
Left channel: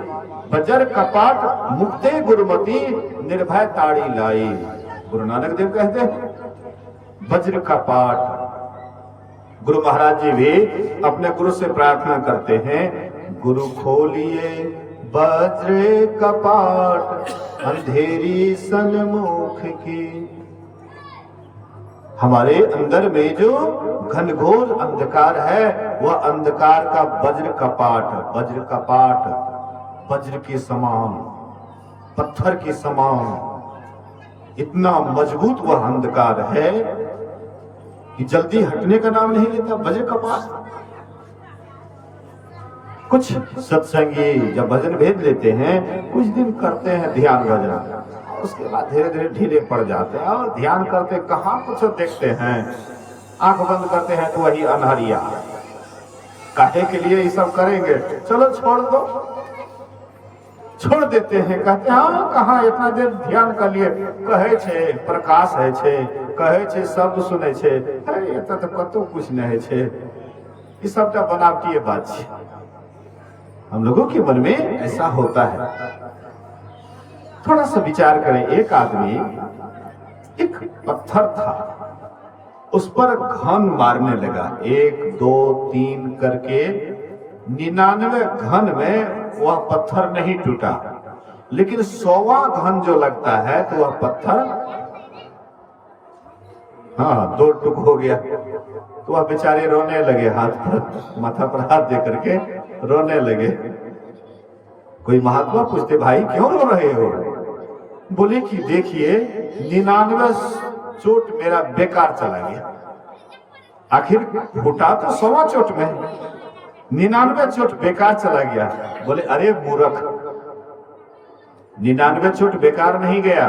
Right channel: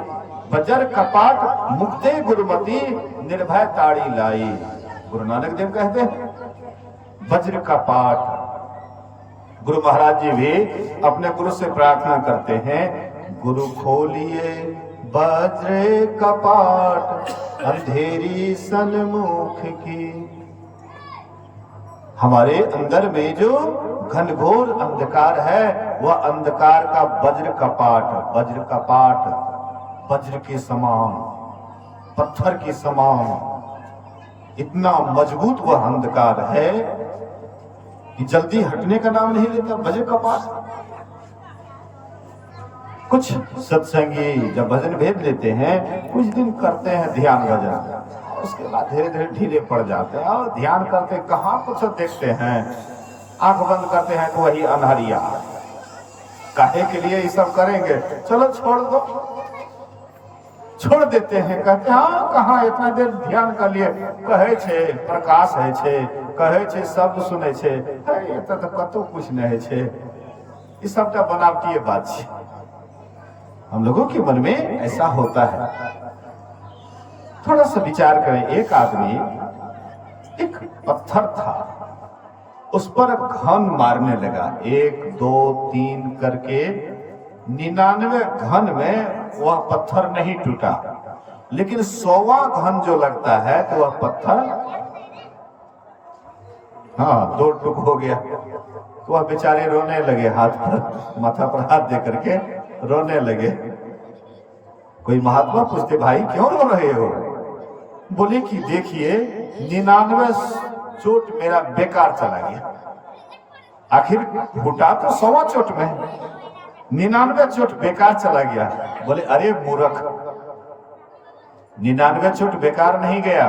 बजर कपाट मुक्ते गुरुमती, निर्भय ताड़ी लाई। गुरु नानक देव कहते हैं वज्र कपाट। गुरु महाराज जी भी अपने गुरु से प्रार्थना करते हैं, गुरु खोलिए वज्र कपाट, अंधेरी सन्मुख की। हमारे अंदर में जो घनघोर अंधकार है, वह अंधकार का वज्र कपाट, वज्र कपाट, वज्र के समान, पत्थर के समान, इतना मजबूत वह अंधकार है कि जल्दी हटने का नाम नहीं लेता। वज्र कपाट। कुछ सत्संगी जब भजन भेद लेते हैं, कुछ दिन करते हैं ध्यान भजन, उसके बाद धीरे धीरे ढीले पड़ जाते हैं। और ध्यान करते कहाँ कुछ देखते हैं, आंख बंद करते हैं तो वही अंधारिया। काहे के लिए ये सब करेंगे, चलो छोड़ दो, छोड़ देते हैं। कहते हैं हाँ कहाँ इतना देर ध्यान कर लिए, कहे छे प्रकाश है छे, कहे छे शब्द सुने छे, ये तो कतो कुछ नहीं छे, ये सबटा बनावटी बात छे। हम लोगों के मन में ऐसा होता है। थोड़ा सा विचार करें, एक आदमी, एक पत्थर था, उस पर घन मारने लगा, 1 2 3 करके 99 घन में वह पत्थर नहीं टूटा, लेकिन 100वां घन जो लगता है तो वह पत्थर 2 टुक हो गया। तो वह बेचारे रोने लगे, हाथ पर माथा पर हाथ दे करके रोने लगे। कोई महात्मा पूछते भाई क्यों रो रहे हो? बोले कि देखिए 99 चोट मेरा बेकार चला गया, आखिर फूटा तो 100वां चोट में, 99 चोट बेकार चला गया। बोले अरे मूर्ख, 99 चोट बेकार नहीं गया,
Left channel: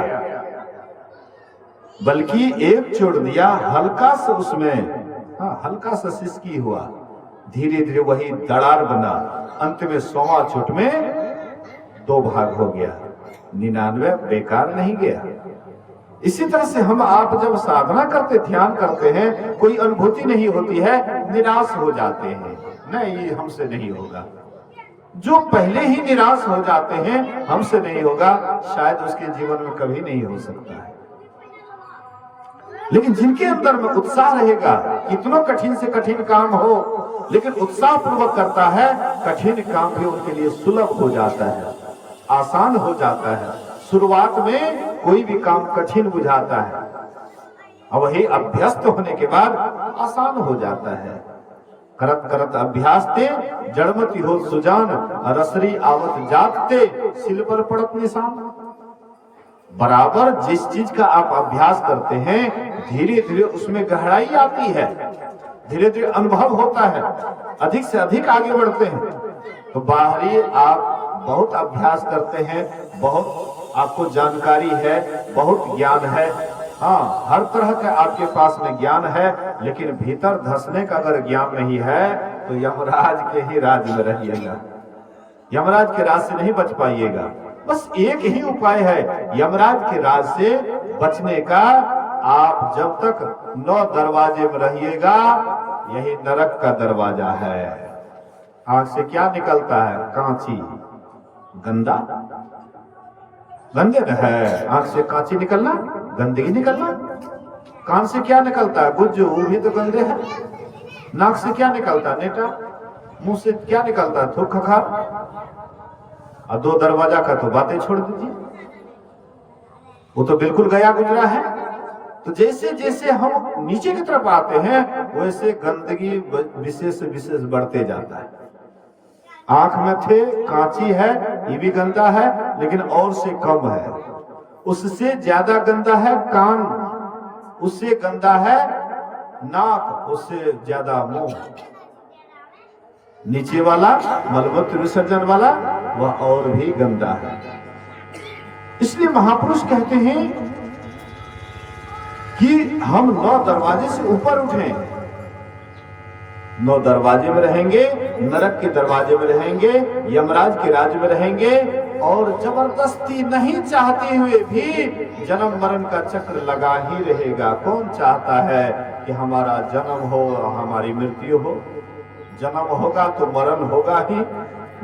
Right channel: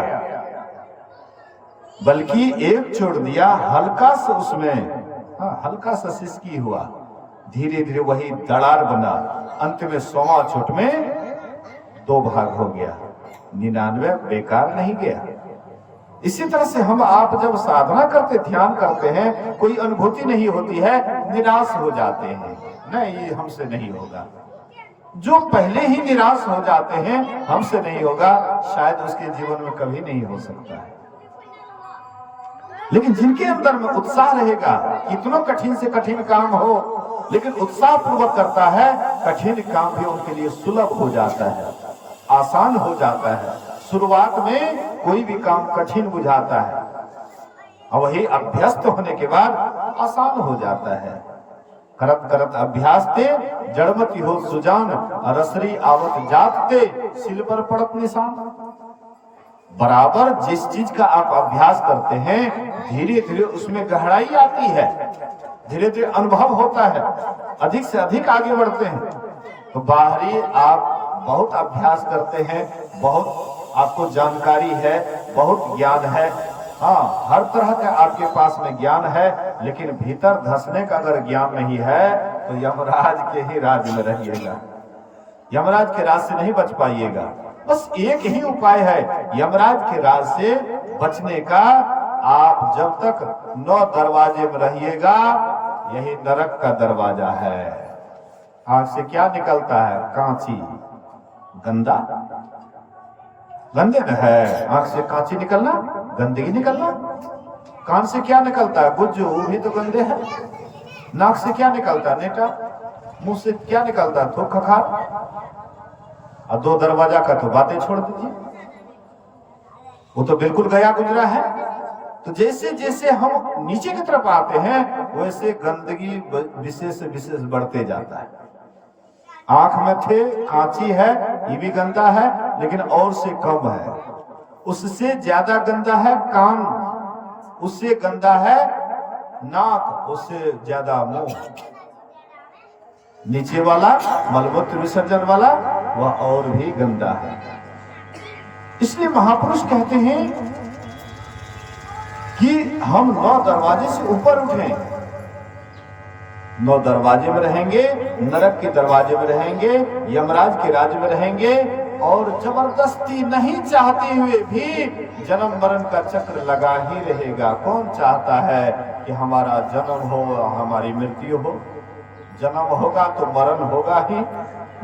बल्कि एक चोट दिया, हल्का सा उसमें हल्का सा सिसकी हुआ, धीरे धीरे वही दरार बना, अंत में 100वां चोट में 2 भाग हो गया, 99 बेकार नहीं गया। इसी तरह से हम आप जब साधना करते, ध्यान करते हैं, कोई अनुभूति नहीं होती है, निराश हो जाते हैं, नहीं ये हमसे नहीं होगा। जो पहले ही निराश हो जाते हैं हमसे नहीं होगा, शायद उसके जीवन में कभी नहीं हो सकता है। लेकिन जिनके अंदर में उत्साह रहेगा, कितना कठिन से कठिन काम हो लेकिन उत्साह पूर्वक करता है, कठिन काम भी उनके लिए सुलभ हो जाता है, आसान हो जाता है। शुरुआत में कोई भी काम कठिन बुझाता है और वही अभ्यस्त होने के बाद आसान हो जाता है। करत करत अभ्यास ते जड़मती हो सुजान, रसरी आवत जाते सिल पर पड़त निशान। बराबर जिस चीज का आप अभ्यास करते हैं, धीरे धीरे उसमें गहराई आती है, धीरे धीरे अनुभव होता है, अधिक से अधिक आगे बढ़ते हैं। तो बाहरी आप बहुत अभ्यास करते हैं, बहुत आपको जानकारी है, बहुत ज्ञान है, हर तरह का आपके पास में ज्ञान है, लेकिन भीतर धंसने का अगर ज्ञान नहीं है तो यमराज के ही राज में रहिएगा, यमराज के राज से नहीं बच पाइएगा। बस एक ही उपाय है यमराज के राज से बचने का, आप जब तक 9 दरवाजे में रहिएगा, यही नरक का दरवाजा है। आंख से क्या निकलता है? कांची, गंदा, गंदे न है, आंख से कांची निकलना, गंदगी निकलना, कान से क्या निकलता है? गुज्जू, वो भी तो गंदे है। नाक से क्या निकलता है? नेटा। मुंह से क्या निकलता है? थूक खखार। और दो दरवाजा का तो बातें छोड़ दीजिए, वो तो बिल्कुल गया गुजरा है। तो जैसे जैसे हम नीचे की तरफ आते हैं वैसे गंदगी विशेष विशेष बढ़ते जाता है। आंख में थे, कांची है, ये भी गंदा है, लेकिन और से कम है। उससे ज्यादा गंदा है कान, उससे गंदा है नाक, उससे ज्यादा मुंह। नीचे वाला मलमूत्र विसर्जन वाला वह और भी गंदा है। इसलिए महापुरुष कहते हैं कि हम 9 दरवाजे से ऊपर उठें। 9 दरवाजे में रहेंगे, नरक के दरवाजे में रहेंगे, यमराज के राज्य में रहेंगे, और जबरदस्ती नहीं चाहते हुए भी जन्म मरण का चक्र लगा ही रहेगा। कौन चाहता है कि हमारा जन्म हो, हमारी मृत्यु हो? जन्म होगा तो मरण होगा ही।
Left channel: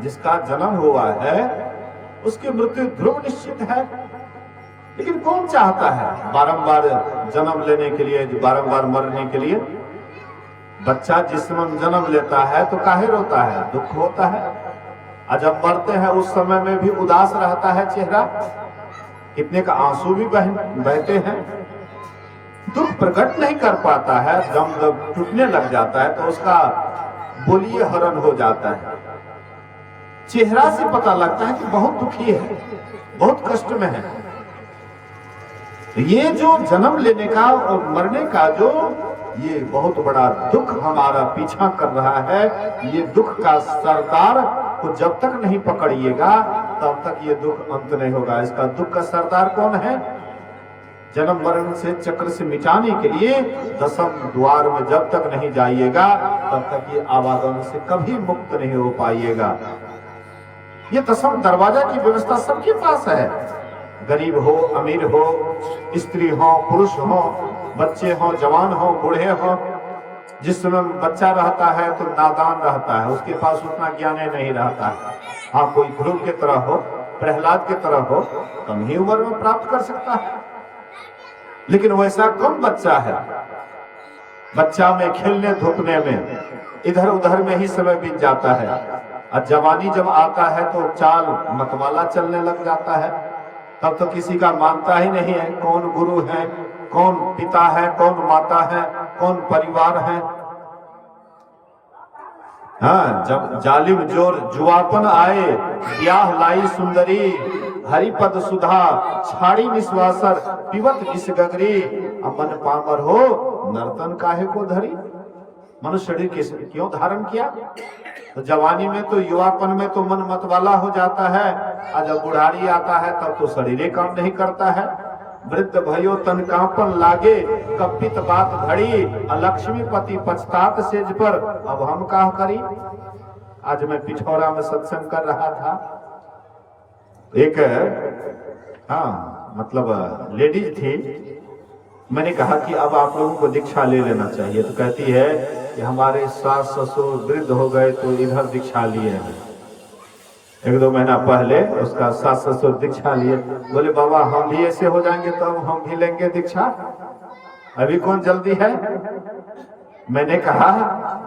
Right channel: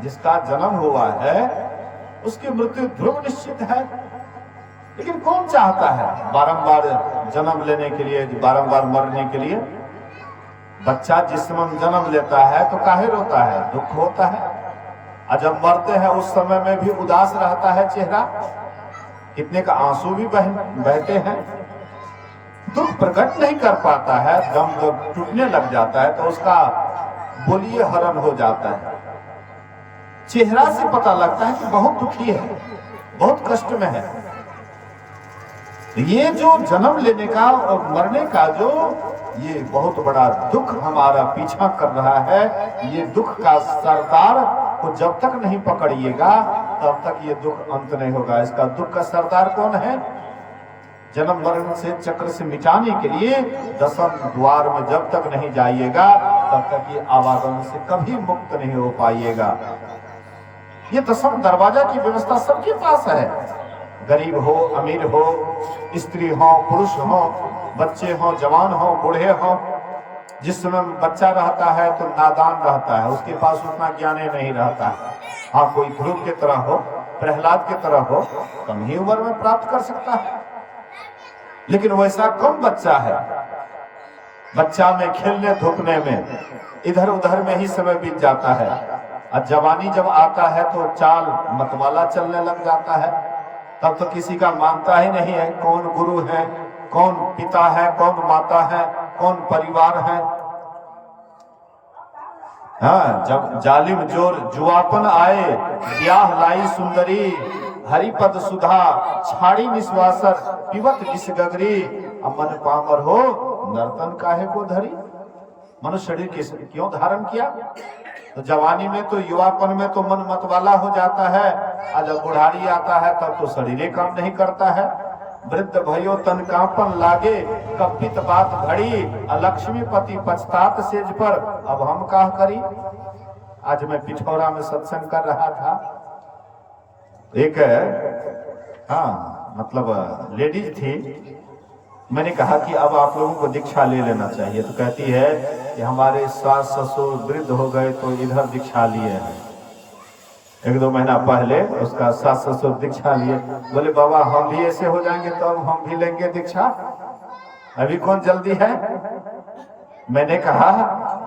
जिसका जन्म हुआ है उसकी मृत्यु ध्रुव निश्चित है। लेकिन कौन चाहता है बारंबार जन्म लेने के लिए, बारंबार मरने के लिए? बच्चा जिस समय जन्म लेता है तो काहे रोता है? दुख होता है। और जब मरते हैं उस समय में भी उदास रहता है चेहरा, कितने का आंसू भी बहते हैं। दुख प्रकट नहीं कर पाता है, दम जब टूटने लग जाता है तो उसका बोलिए हरण हो जाता है। चेहरा से पता लगता है कि बहुत दुखी है, बहुत कष्ट में है। ये जो जन्म लेने का और मरने का जो ये बहुत बड़ा दुख हमारा पीछा कर रहा है, ये दुख का सरदार को जब तक नहीं पकड़िएगा तब तक ये दुख अंत नहीं होगा। इसका दुख का सरदार कौन है? जन्म मरण से चक्र से मिटाने के लिए 10वें द्वार में जब तक नहीं जाइएगा तब तक ये आवागमन से कभी मुक्त नहीं हो पाइएगा। ये 10वां दरवाजा की व्यवस्था सबके पास है। गरीब हो, अमीर हो, स्त्री हो, पुरुष हो, बच्चे हो, जवान हो, बूढ़े हो। जिस समय बच्चा रहता है तो नादान रहता है, उसके पास उतना ज्ञान नहीं रहता है। हाँ, कोई ध्रुव की तरह हो, प्रहलाद की तरह हो, कम ही उम्र में प्राप्त कर सकता है। लेकिन वैसा कम बच्चा है। बच्चा में खेलने धूपने में इधर उधर में ही समय बीत जाता है। और जवानी जब आता है तो चाल मतवाला चलने लग जाता है। तब तो किसी का मानता ही नहीं है कौन गुरु है, कौन पिता है, कौन माता है, कौन परिवार है। हाँ, जब जालिम जोर जुआपन आए, ब्याह लाई सुंदरी, हरिपद सुधा छाड़ी निश्वासर, पिबत विष गगरी, अमन पामर हो नर्तन काहे को धरी। मनुष्य शरीर क्यों धारण किया? तो जवानी में तो, युवापन में तो मन मतवाला हो जाता है, और जब बुढ़ारी आता है तब तो शरीर काम नहीं करता है। वृद्ध भयो तन कांपन लागे, कपित बात घड़ी, लक्ष्मीपति पछतात सेज पर, अब हम क्या करी। आज मैं पिठौरा में सत्संग कर रहा था, एक मतलब लेडीज थी। मैंने कहा कि अब आप लोगों को दीक्षा ले लेना चाहिए। तो कहती है कि हमारे सास ससुर वृद्ध हो गए तो इधर दीक्षा लिए हैं। 1-2 महीना पहले उसका सास ससुर दीक्षा लिए। बोले बाबा हम भी ऐसे हो जाएंगे तो अब हम भी लेंगे दीक्षा, अभी कौन जल्दी है। मैंने कहा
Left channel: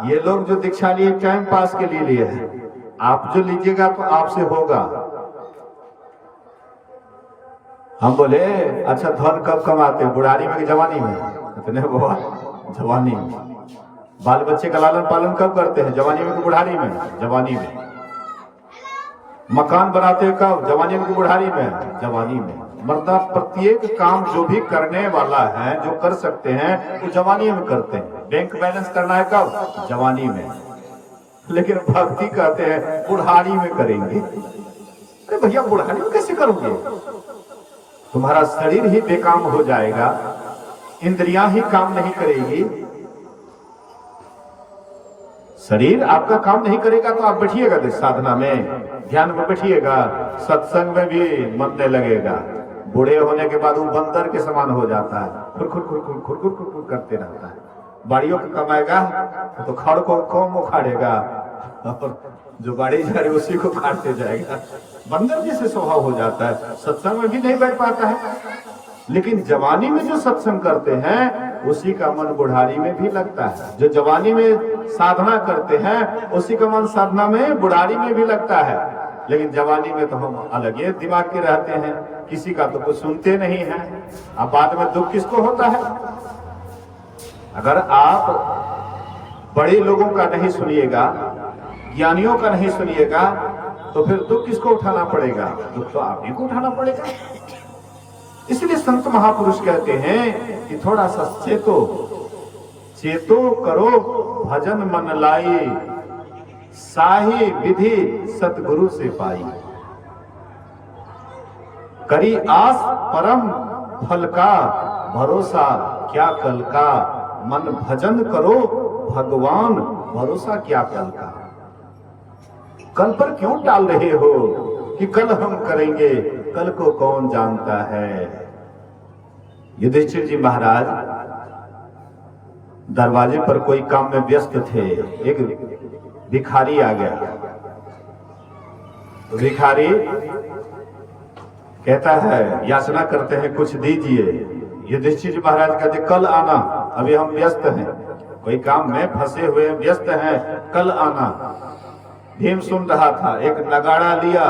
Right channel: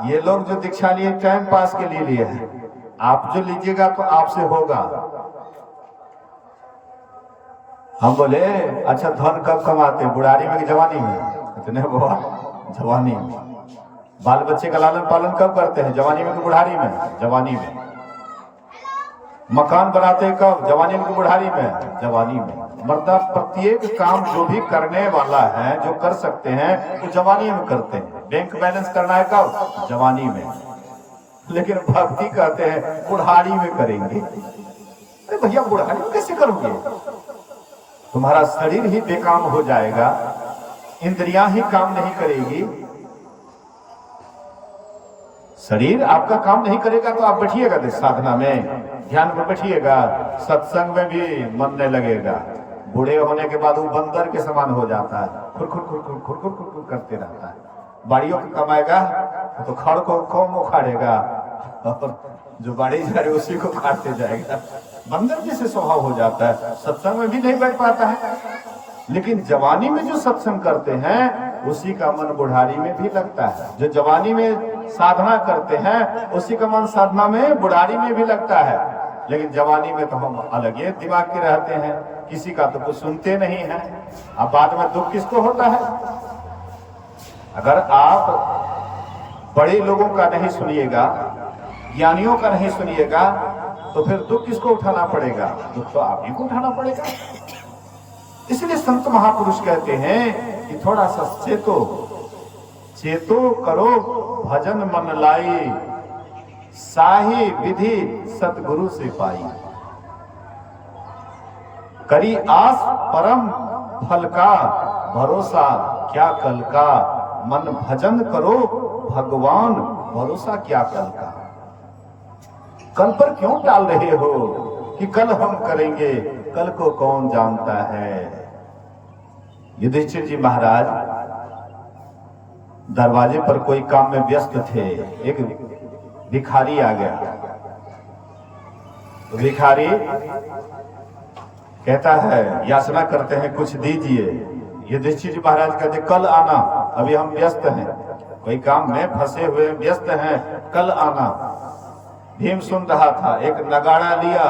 ये लोग जो दीक्षा लिए टाइम पास के लिए लिए हैं, आप जो लीजिएगा तो आपसे होगा। हम बोले अच्छा धन कब कमाते, बुढ़ारी में कि जवानी में? इतने बाबा जवानी में। बाल बच्चे का लालन पालन कब करते हैं, जवानी में कि बुढ़ारी में? जवानी में। मकान बनाते कब, जवानी में कि बुढ़ारी में? जवानी में। मतलब प्रत्येक काम जो भी करने वाला है, जो कर सकते हैं तो जवानी में करते हैं। बैंक बैलेंस करना है कब? जवानी में। लेकिन भक्ति कहते हैं बुढ़ारी में करेंगे। अरे भैया बुढ़ारी में कैसे करोगे? तुम्हारा शरीर ही बेकाम हो जाएगा, इंद्रियां ही काम नहीं करेगी। शरीर आपका काम नहीं करेगा तो आप बैठिएगा साधना में, ध्यान में बैठिएगा, सत्संग में भी मन नहीं लगेगा। बूढ़े होने के बाद वो बंदर के समान हो जाता है, खुर खुर खुर खुर खुर खुर खुर खुर करते रहता है। बाड़ियों को कमाएगा तो खड़ को कौन उखाड़ेगा, और जो बाड़ी जा रही उसी को काटते जाएगा। बंदर जैसे स्वभाव हो जाता है, सत्संग में भी नहीं बैठ पाता है। लेकिन जवानी में जो सत्संग करते हैं उसी का मन बुढ़ारी में भी लगता है। जो जवानी में साधना करते हैं उसी का मन साधना में बुढ़ारी में भी लगता है। लेकिन जवानी में तो हम अलग ही दिमाग के रहते हैं, किसी का तो कुछ सुनते नहीं है। अब बाद में दुख किसको होता है? अगर आप बड़े लोगों का नहीं सुनिएगा, ज्ञानियों का नहीं सुनिएगा, तो फिर दुख किसको उठाना पड़ेगा? दुख तो आप ही को उठाना पड़ेगा। इसलिए संत महापुरुष कहते हैं कि थोड़ा सा चेतो करो भजन मन लाई, साही विधि सतगुरु से पाई। करी आस परम फल का, भरोसा क्या कल का। मन भजन करो भगवान, भरोसा क्या कल का। कल पर क्यों टाल रहे हो कि कल हम करेंगे, कल को कौन जानता है। युधिष्ठिर जी महाराज दरवाजे पर कोई काम में व्यस्त थे। एक भिखारी आ गया। तो भिखारी कहता है, याचना करते हैं कुछ दीजिए। युधिष्ठिर जी महाराज कहते कल आना, अभी हम व्यस्त हैं, कोई काम में फंसे हुए व्यस्त हैं, कल आना। भीम सुन रहा था, एक नगाड़ा लिया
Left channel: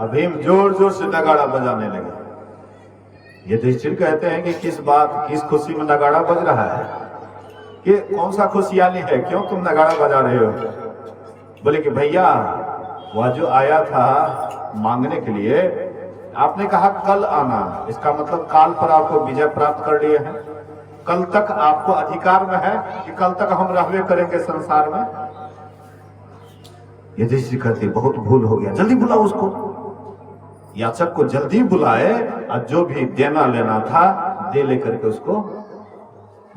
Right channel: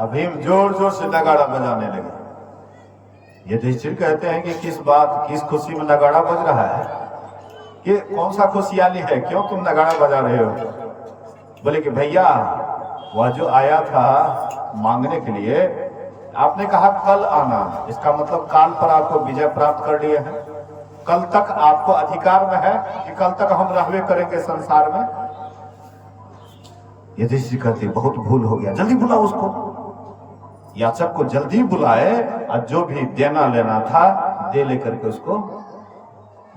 और भीम जोर जोर से नगाड़ा बजाने लगे। युधिष्ठिर कहते हैं कि किस बात, किस खुशी में नगाड़ा बज रहा है, कि कौन सा खुशहाली है, क्यों तुम नगाड़ा बजा रहे हो? बोले कि भैया वह जो आया था मांगने के लिए, आपने कहा कल आना, इसका मतलब काल पर आपको विजय प्राप्त कर लिए हैं। कल तक आपको अधिकार में है कि कल तक हम रहवे करेंगे संसार में। युधिष्ठिर कहते बहुत भूल हो गया, जल्दी बुलाओ उसको। याचक को जल्दी बुलाए और जो भी देना लेना था दे लेकर के उसको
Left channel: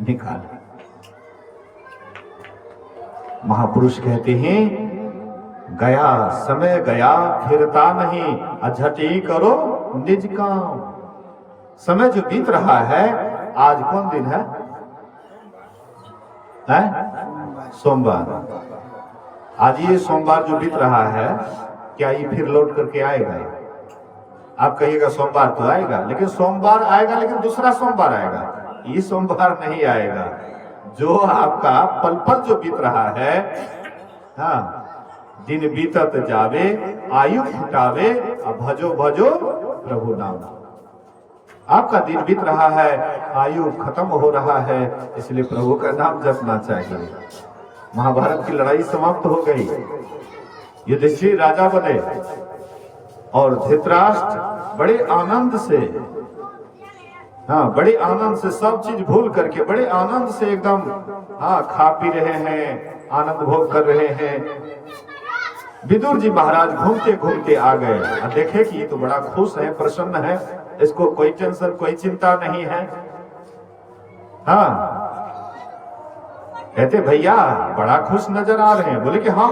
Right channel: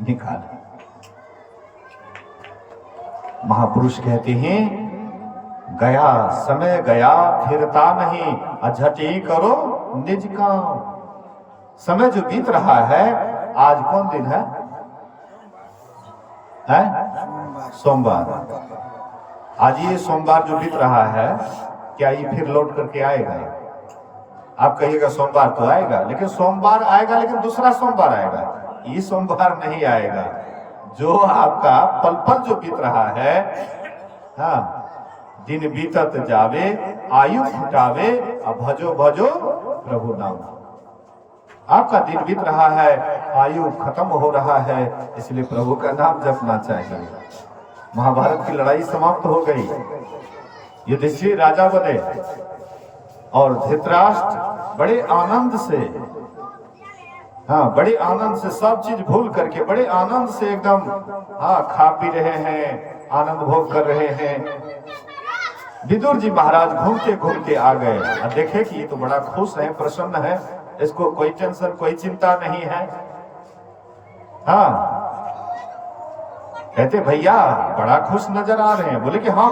निकाले। महापुरुष कहते हैं गया समय गया फिरता नहीं, अझटी करो निज काम। समय जो बीत रहा है, आज कौन दिन है? सोमवार। आज ये सोमवार जो बीत रहा है, क्या ये फिर लौट करके आएगा? आप कहिएगा सोमवार तो आएगा, लेकिन सोमवार आएगा, लेकिन दूसरा सोमवार आएगा, ये सोमवार नहीं आएगा। जो आपका पल पल जो बीत रहा है, हाँ, दिन बीतत जावे आयु फुटावे, अब भजो भजो प्रभु नाम। आपका दिन बीत रहा है, आयु खत्म हो रहा है, इसलिए प्रभु का नाम जपना चाहिए। महाभारत की लड़ाई समाप्त हो गई, युधिष्ठिर राजा बने और धृतराष्ट्र बड़े आनंद से, हाँ, बड़े आनंद से सब चीज भूल करके बड़े आनंद से एकदम, हाँ, खा पी रहे हैं, आनंद भोग कर रहे हैं। विदुर जी महाराज घूमते घूमते आ गए और देखे कि ये तो बड़ा खुश है, प्रसन्न है, इसको कोई टेंशन कोई चिंता नहीं है। हाँ, कहते भैया बड़ा खुश नजर आ रहे हैं। बोले कि हाँ,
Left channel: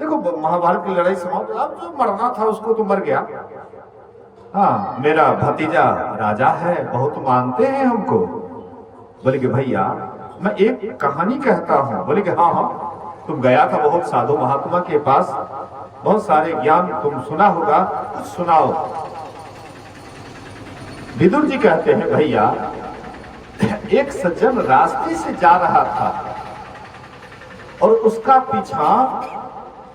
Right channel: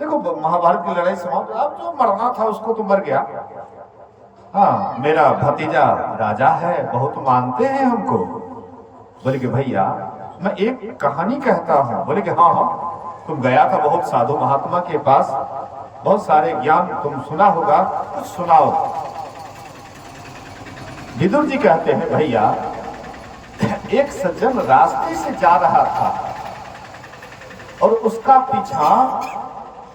देखो महाभारत की लड़ाई समाप्त, अब जो मरना था उसको तो मर गया। हाँ, मेरा भतीजा राजा है, बहुत मानते हैं हमको। बोले कि भैया मैं एक कहानी कहता हूँ। बोले कि हाँ हाँ, तुम गया था बहुत साधु महात्मा के पास, बहुत सारे ज्ञान तुम सुना होगा, कुछ सुनाओ। विदुर जी कहते हैं भैया, एक सज्जन रास्ते से जा रहा था और उसका पीछा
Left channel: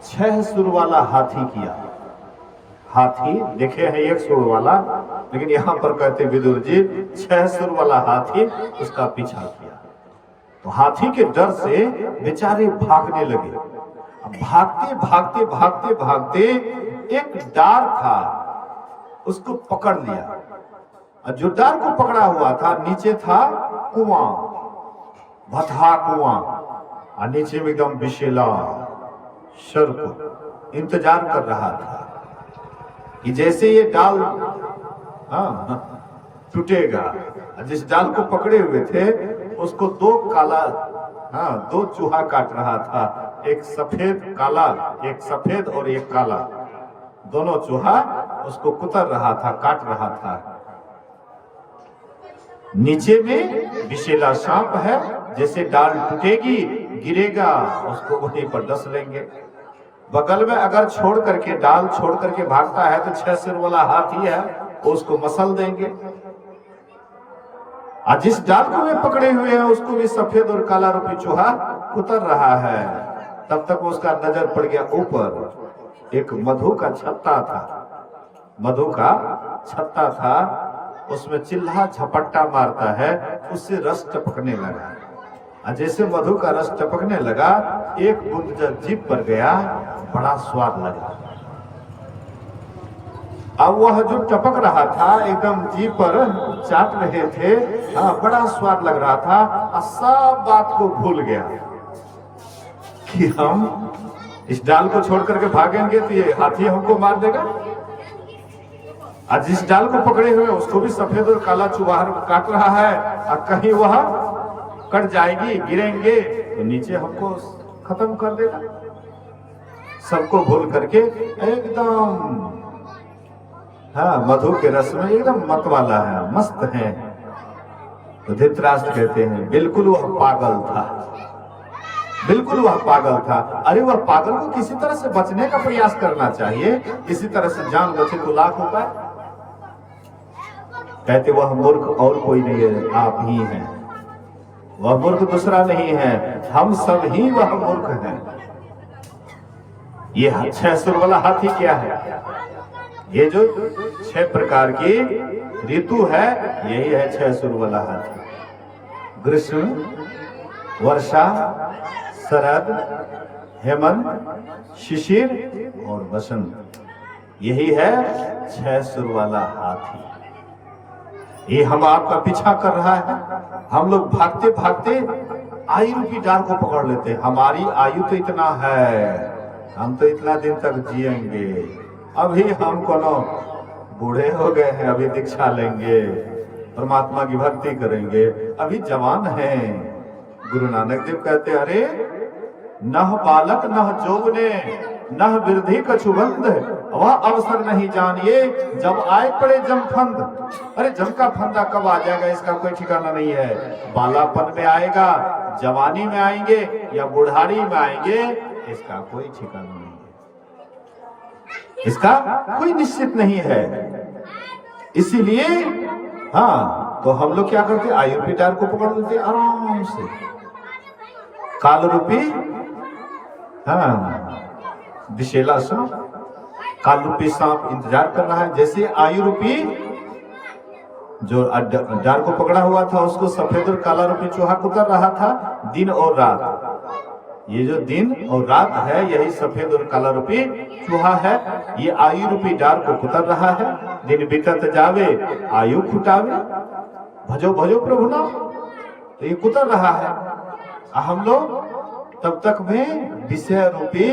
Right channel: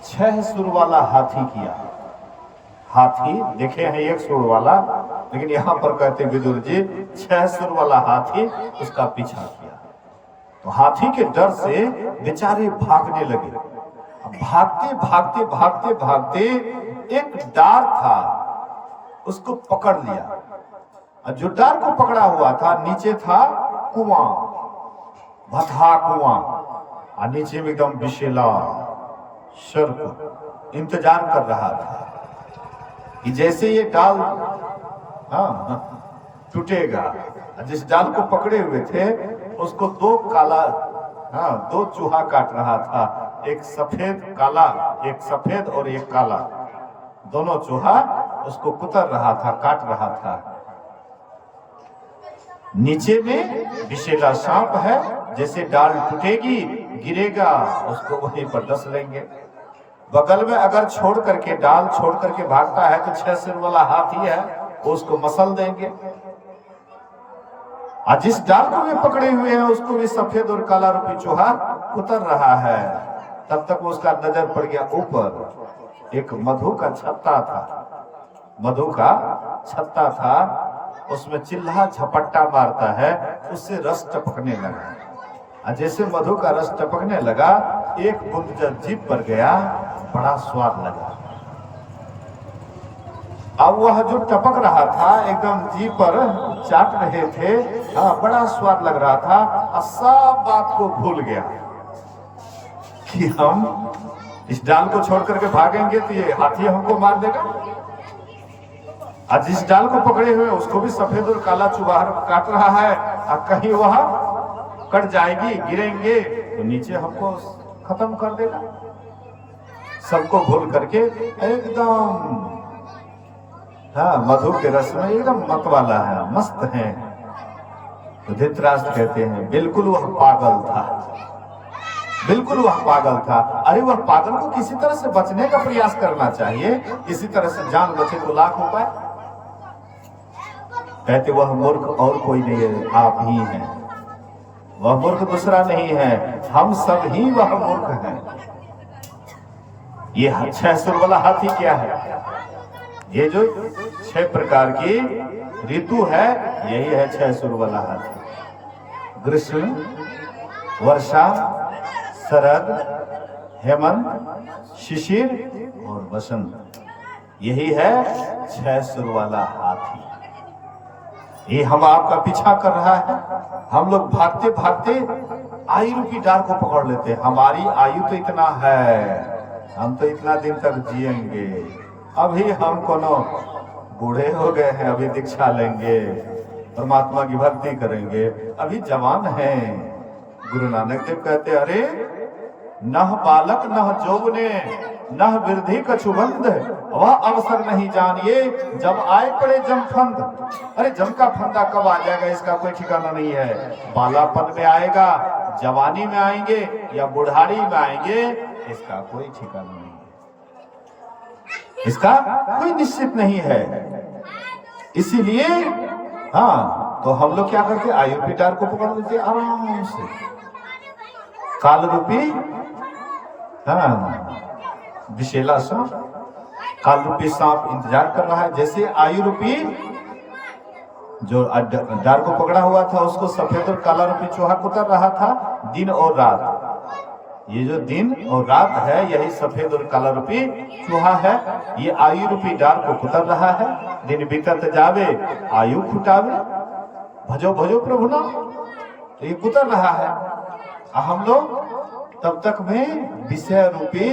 6 सुर वाला हाथी किया। हाथी देखे हैं 1 सुर वाला, लेकिन यहाँ पर कहते विदुर जी 6 सुर वाला हाथी उसका पीछा किया। तो हाथी के डर से बेचारे भागने लगे। अब भागते भागते भागते भागते एक डार था, उसको पकड़ लिया। और जो डार को पकड़ा हुआ था, नीचे था कुआं, भथा कुआं, और नीचे में एकदम विशेला सर्प इंतजार कर रहा था कि जैसे ये डाल, हाँ, टूटेगा। जिस डाल को पकड़े हुए थे उसको 2 काला, हाँ, 2 चूहा काट रहा था, एक सफेद काला, एक सफेद और एक काला, दोनों चूहा उसको कुतर रहा था, काट रहा था। नीचे में विशेला सांप है, जैसे डाल टूटेगी गिरेगा उसको वहीं पर डस लेंगे। बगल में अगर छोड़ करके, डाल छोड़ करके भागता है तो 6 सिर वाला हाथी है, उसको मसल देंगे। आज जिस डाल को वे पकड़े हुए हैं उसको भी सफेद और काला रूपी चूहा उतर रहा है। तब तक उसका नजर पड़ गया ऊपर एक मधु का छत्ता था, मधु का छत्ता था, उसमें चिल्हा झपट्टा मारता है, उससे रस टपकने लगा। जैसे मधु का रस टपकने लगा, एक बूंद जब जीभ पर गया, बड़ा स्वाद लगा। अब वह जो टपक रहा था एकदम जीभ पर चाट रहे थे, हाँ बड़ा स्वाद लग रहा था, और सब बात को भूल गया कि हम इस डाल को छोड़ करके भागेंगे तो ये हाथी हमको मार देगा। आज जिस डाल को पकड़े हुए उसको भी सफेद और काला चूहा काट रहा है, और कहीं वह कट जाएगी, गिरेंगे तो नीचे हमको खत्म कर देगा। सबको भूल करके एकदम हाँ मधु के रस में एकदम मत वाला है, मस्त है। तो धृतराष्ट्र कहते हैं बिल्कुल वह पागल था, बिल्कुल वह पागल था। अरे वह पागल को किसी तरह से बचने का प्रयास करना चाहिए, किसी तरह से जान बचे तो लाख उपाय। कहते वह मूर्ख और कोई नहीं है, आप ही हैं। वह मूर्ख दूसरा नहीं है, हम सब ही वह मूर्ख हैं। ये 6 सुर वाला हाथी क्या है? ये जो 6 प्रकार की ऋतु है, यही है 6 सुर वाला हाथी। ग्रीष्म, वर्षा, शरद, हेमंत, शिशिर और बसंत, यही है 6 सुर वाला हाथी। ये हम आपका पीछा कर रहा है। हम लोग भागते भागते आयु रूपी डाल को पकड़ लेते हैं। हमारी आयु तो इतना है, हम तो इतना दिन तक जिएंगे, अभी हम कोनो बूढ़े हो गए हैं, अभी दीक्षा लेंगे, परमात्मा की भक्ति करेंगे, अभी जवान हैं। गुरु नानक देव कहते अरे नह बालक नह जौवने नह वृद्धि कछुबंध, वह अवसर नहीं जानिए जब आए पड़े जमफंद। अरे जम का फंदा कब आ जाएगा इसका कोई ठिकाना नहीं है। बालापन में आएगा, जवानी में आएंगे या बुढ़ारी में आएंगे, इसका कोई ठिकाना नहीं है, इसका कोई निश्चित नहीं है। इसीलिए हाँ तो हम लोग क्या करते, आयु रूपी डाल को पकड़ लेते आराम से। काल रूपी हाँ विशेला सांप, काल रूपी सांप इंतजार कर रहा है। जैसे आयु रूपी जो डाल को पकड़ा हुआ था उसको सफेद और काला रूपी चूहा कुतर रहा था दिन और रात। ये जो दिन और रात है यही सफेद और काला रूपी चूहा है। ये आयु रूपी डाल को कुतर रहा है। दिन बीतत जावे आयु खुटावे, भजो भजो प्रभु नाम, तो ये कुतर रहा है। हम लोग तब तक में विषय रूपी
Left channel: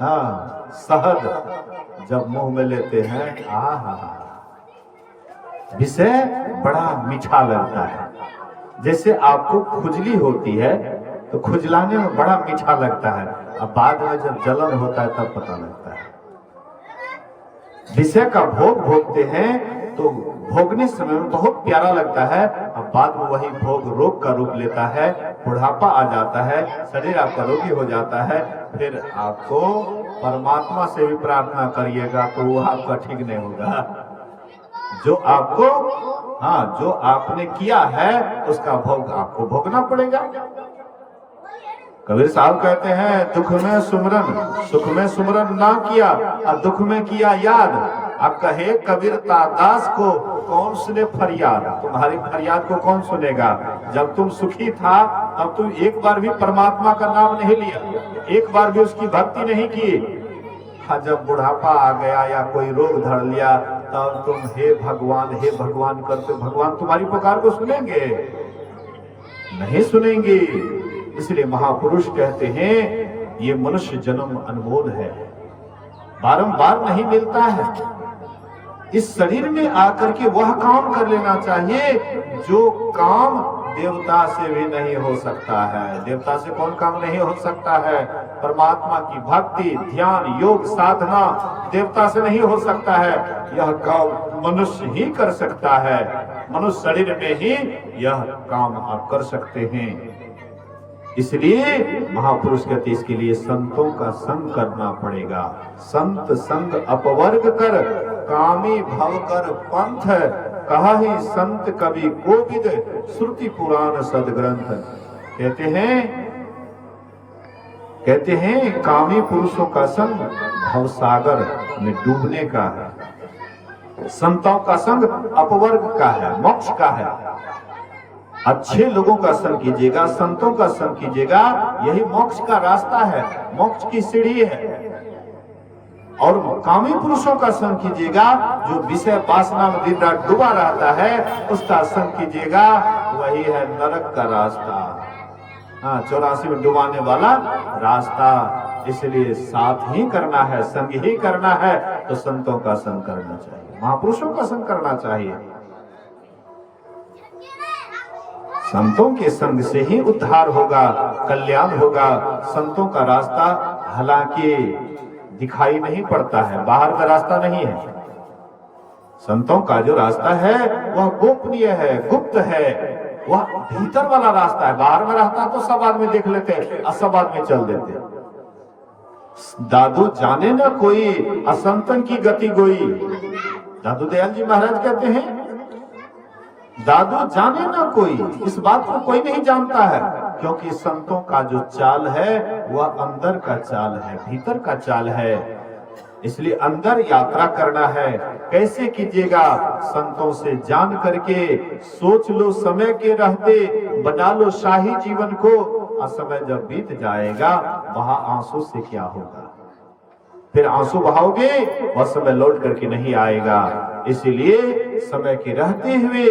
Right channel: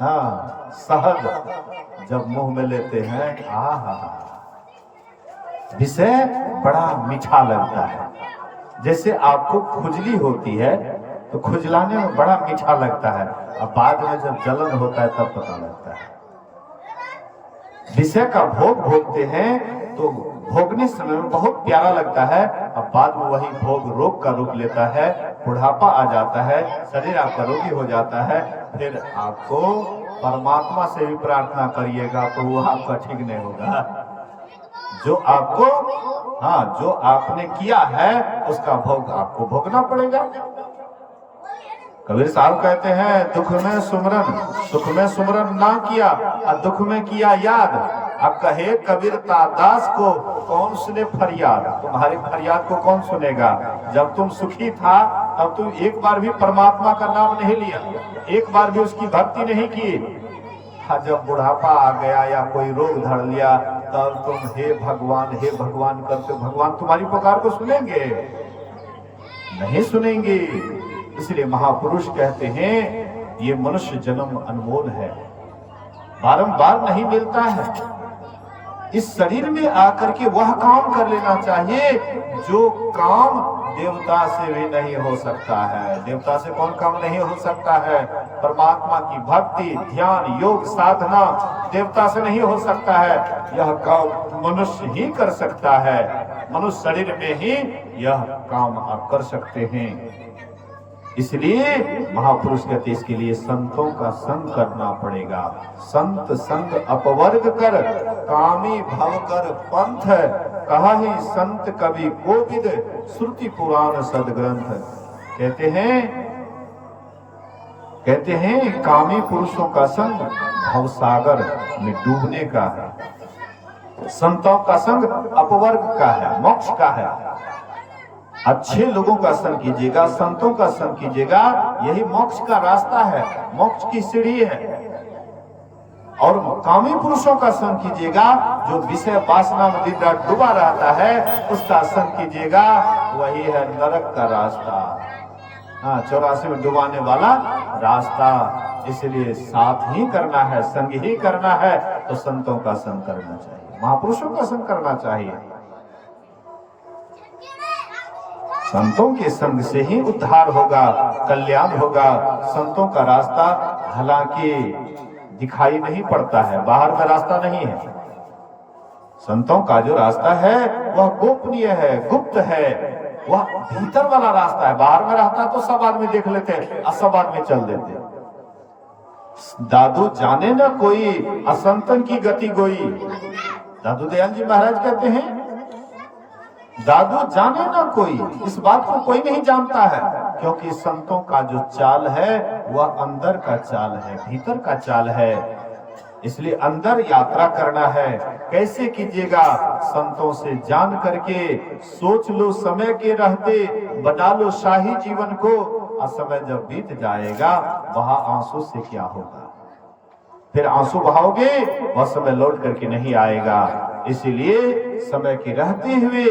हाँ शहद जब मुंह में लेते हैं, विषय बड़ा मीठा लगता है। जैसे आपको खुजली होती है तो खुजलाने में बड़ा मीठा लगता है, अब बाद में जब जलन होता है तब पता लगता है। विषय का भोग भोगते हैं तो भोगने समय में बहुत प्यारा लगता है, अब बाद में वही भोग रोग का रूप लेता है, बुढ़ापा आ जाता है, शरीर आपका रोगी हो जाता है। फिर आपको परमात्मा से भी प्रार्थना करिएगा तो वो आपका ठीक नहीं होगा। जो आपको हाँ जो आपने किया है उसका भोग आपको भोगना पड़ेगा। कबीर साहब कहते हैं दुख में सुमरन सुख में सुमरन ना किया और दुख में किया याद। अब कहे कबीर दास को कौन सुने फरियाद, तुम्हारी फरियाद को कौन सुनेगा। जब तुम सुखी था तब तुम एक बार भी परमात्मा का नाम नहीं लिया, एक बार भी उसकी भक्ति नहीं की। जब बुढ़ापा आ गया या कोई रोग धर लिया तब तुम हे भगवान करते, भगवान तुम्हारी पुकार को सुनेंगे? नहीं सुनेंगे। इसलिए महापुरुष कहते हैं ये मनुष्य जन्म अनमोल है, बारंबार नहीं मिलता है। इस शरीर में आकर के वह काम कर लेना चाहिए जो काम देवता से भी नहीं हो सकता है। देवता से कौन काम नहीं हो सकता है? परमात्मा की भक्ति, ध्यान, योग, साधना देवता से नहीं हो सकता है। यह काम मनुष्य ही कर सकता है। मनुष्य शरीर में ही यह काम आप कर सकते हैं। इसलिए महापुरुष कहते इसके लिए संतों का संग करना पड़ेगा। संत संग अपवर्ग कर कामी भव कर पंथ, कहा ही संत कवि कोविद श्रुति पुराण सदग्रंथ। कहते हैं कामी पुरुषों का संग भवसागर में डूबने का है, संतों का संग अपवर्ग का है, मोक्ष का है। अच्छे लोगों का संग कीजिएगा, संतों का संग कीजिएगा, यही मोक्ष का रास्ता है, मोक्ष की सीढ़ी है। और कामी पुरुषों का संग कीजिएगा, जो विषय वासना में दिन रात डूबा रहता है, उसका संग कीजिएगा, वही है नरक का रास्ता। हाँ, 84 में डुबाने वाला रास्ता। इसलिए साथ ही करना है, संग ही करना है, तो संतों का संग करना चाहिए, महापुरुषों का संग करना चाहिए। संतों के संग से ही उद्धार होगा, कल्याण होगा। संतों का रास्ता हालांकि दिखाई नहीं पड़ता है, बाहर का रास्ता नहीं है। संतों का जो रास्ता है वह गोपनीय है, गुप्त है, वह भीतर वाला रास्ता है। बाहर में रास्ता तो सब आदमी देख लेते हैं और सब आदमी चल देते हैं। दादू जाने न कोई असंतन की गति गोई। दादू दयाल जी महाराज कहते हैं, दादू जाने ना कोई, इस बात को कोई नहीं जानता है, क्योंकि संतों का जो चाल है वह अंदर का चाल है, भीतर का चाल है। इसलिए अंदर यात्रा करना है। कैसे कीजिएगा? संतों से जान करके सोच लो, समय के रहते बना लो शाही जीवन को। और समय जब बीत जाएगा, वहां आंसू से क्या होगा? फिर आंसू बहाओगे, वह समय लौट करके नहीं आएगा। इसीलिए समय के रहते हुए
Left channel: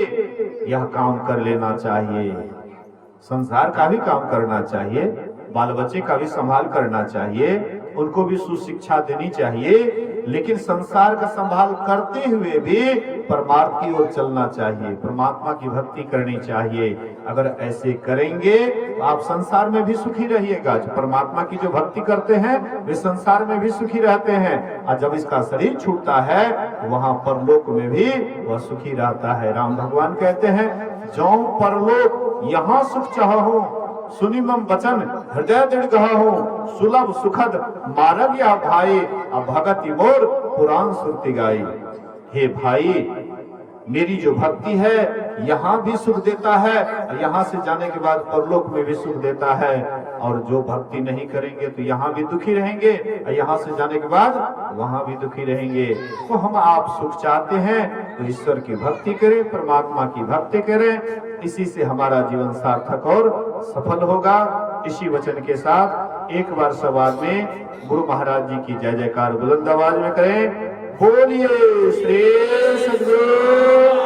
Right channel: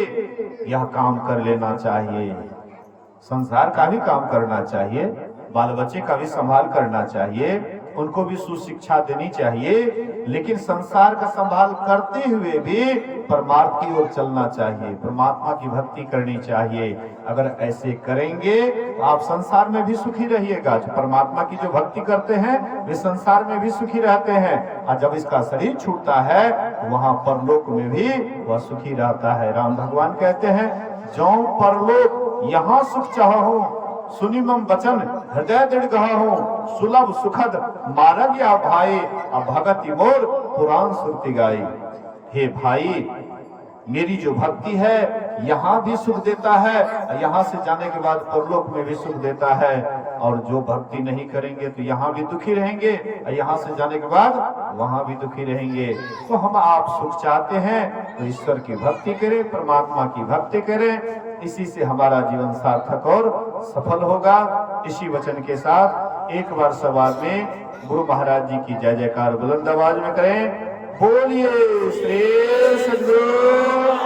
यह काम कर लेना चाहिए। संसार का भी काम करना चाहिए, बाल बच्चे का भी संभाल करना चाहिए, उनको भी सुशिक्षा देनी चाहिए, लेकिन संसार का संभाल करते हुए भी परमार्थ की ओर चलना चाहिए, परमात्मा की भक्ति करनी चाहिए। अगर ऐसे करेंगे तो आप संसार में भी सुखी रहिएगा। जो परमात्मा की जो भक्ति करते हैं वे संसार में भी सुखी रहते हैं, और जब इसका शरीर छूटता है वहां परलोक में भी वह सुखी रहता है। राम भगवान कहते हैं, जो परलोक यहाँ सुख चाहो, सुनी मम वचन हृदय दृढ़ गहा हो, सुलभ सुखद मार्ग या भाई, भगति मोर पुराण सुरती गाई। हे भाई, मेरी जो भक्ति है यहाँ भी सुख देता है, यहाँ से जाने के बाद परलोक में भी सुख देता है। और जो भक्ति नहीं करेंगे तो यहाँ भी दुखी रहेंगे, यहाँ से जाने के बाद वहां भी दुखी रहेंगे। तो हम आप सुख चाहते हैं तो ईश्वर की भक्ति करें, परमात्मा की भक्ति करें, इसी से हमारा जीवन सार्थक और सफल होगा। इसी वचन के साथ एक बार सब आदमी गुरु महाराज जी की जय जयकार बुलंद आवाज में करें। बोलिए श्री सद्गुरु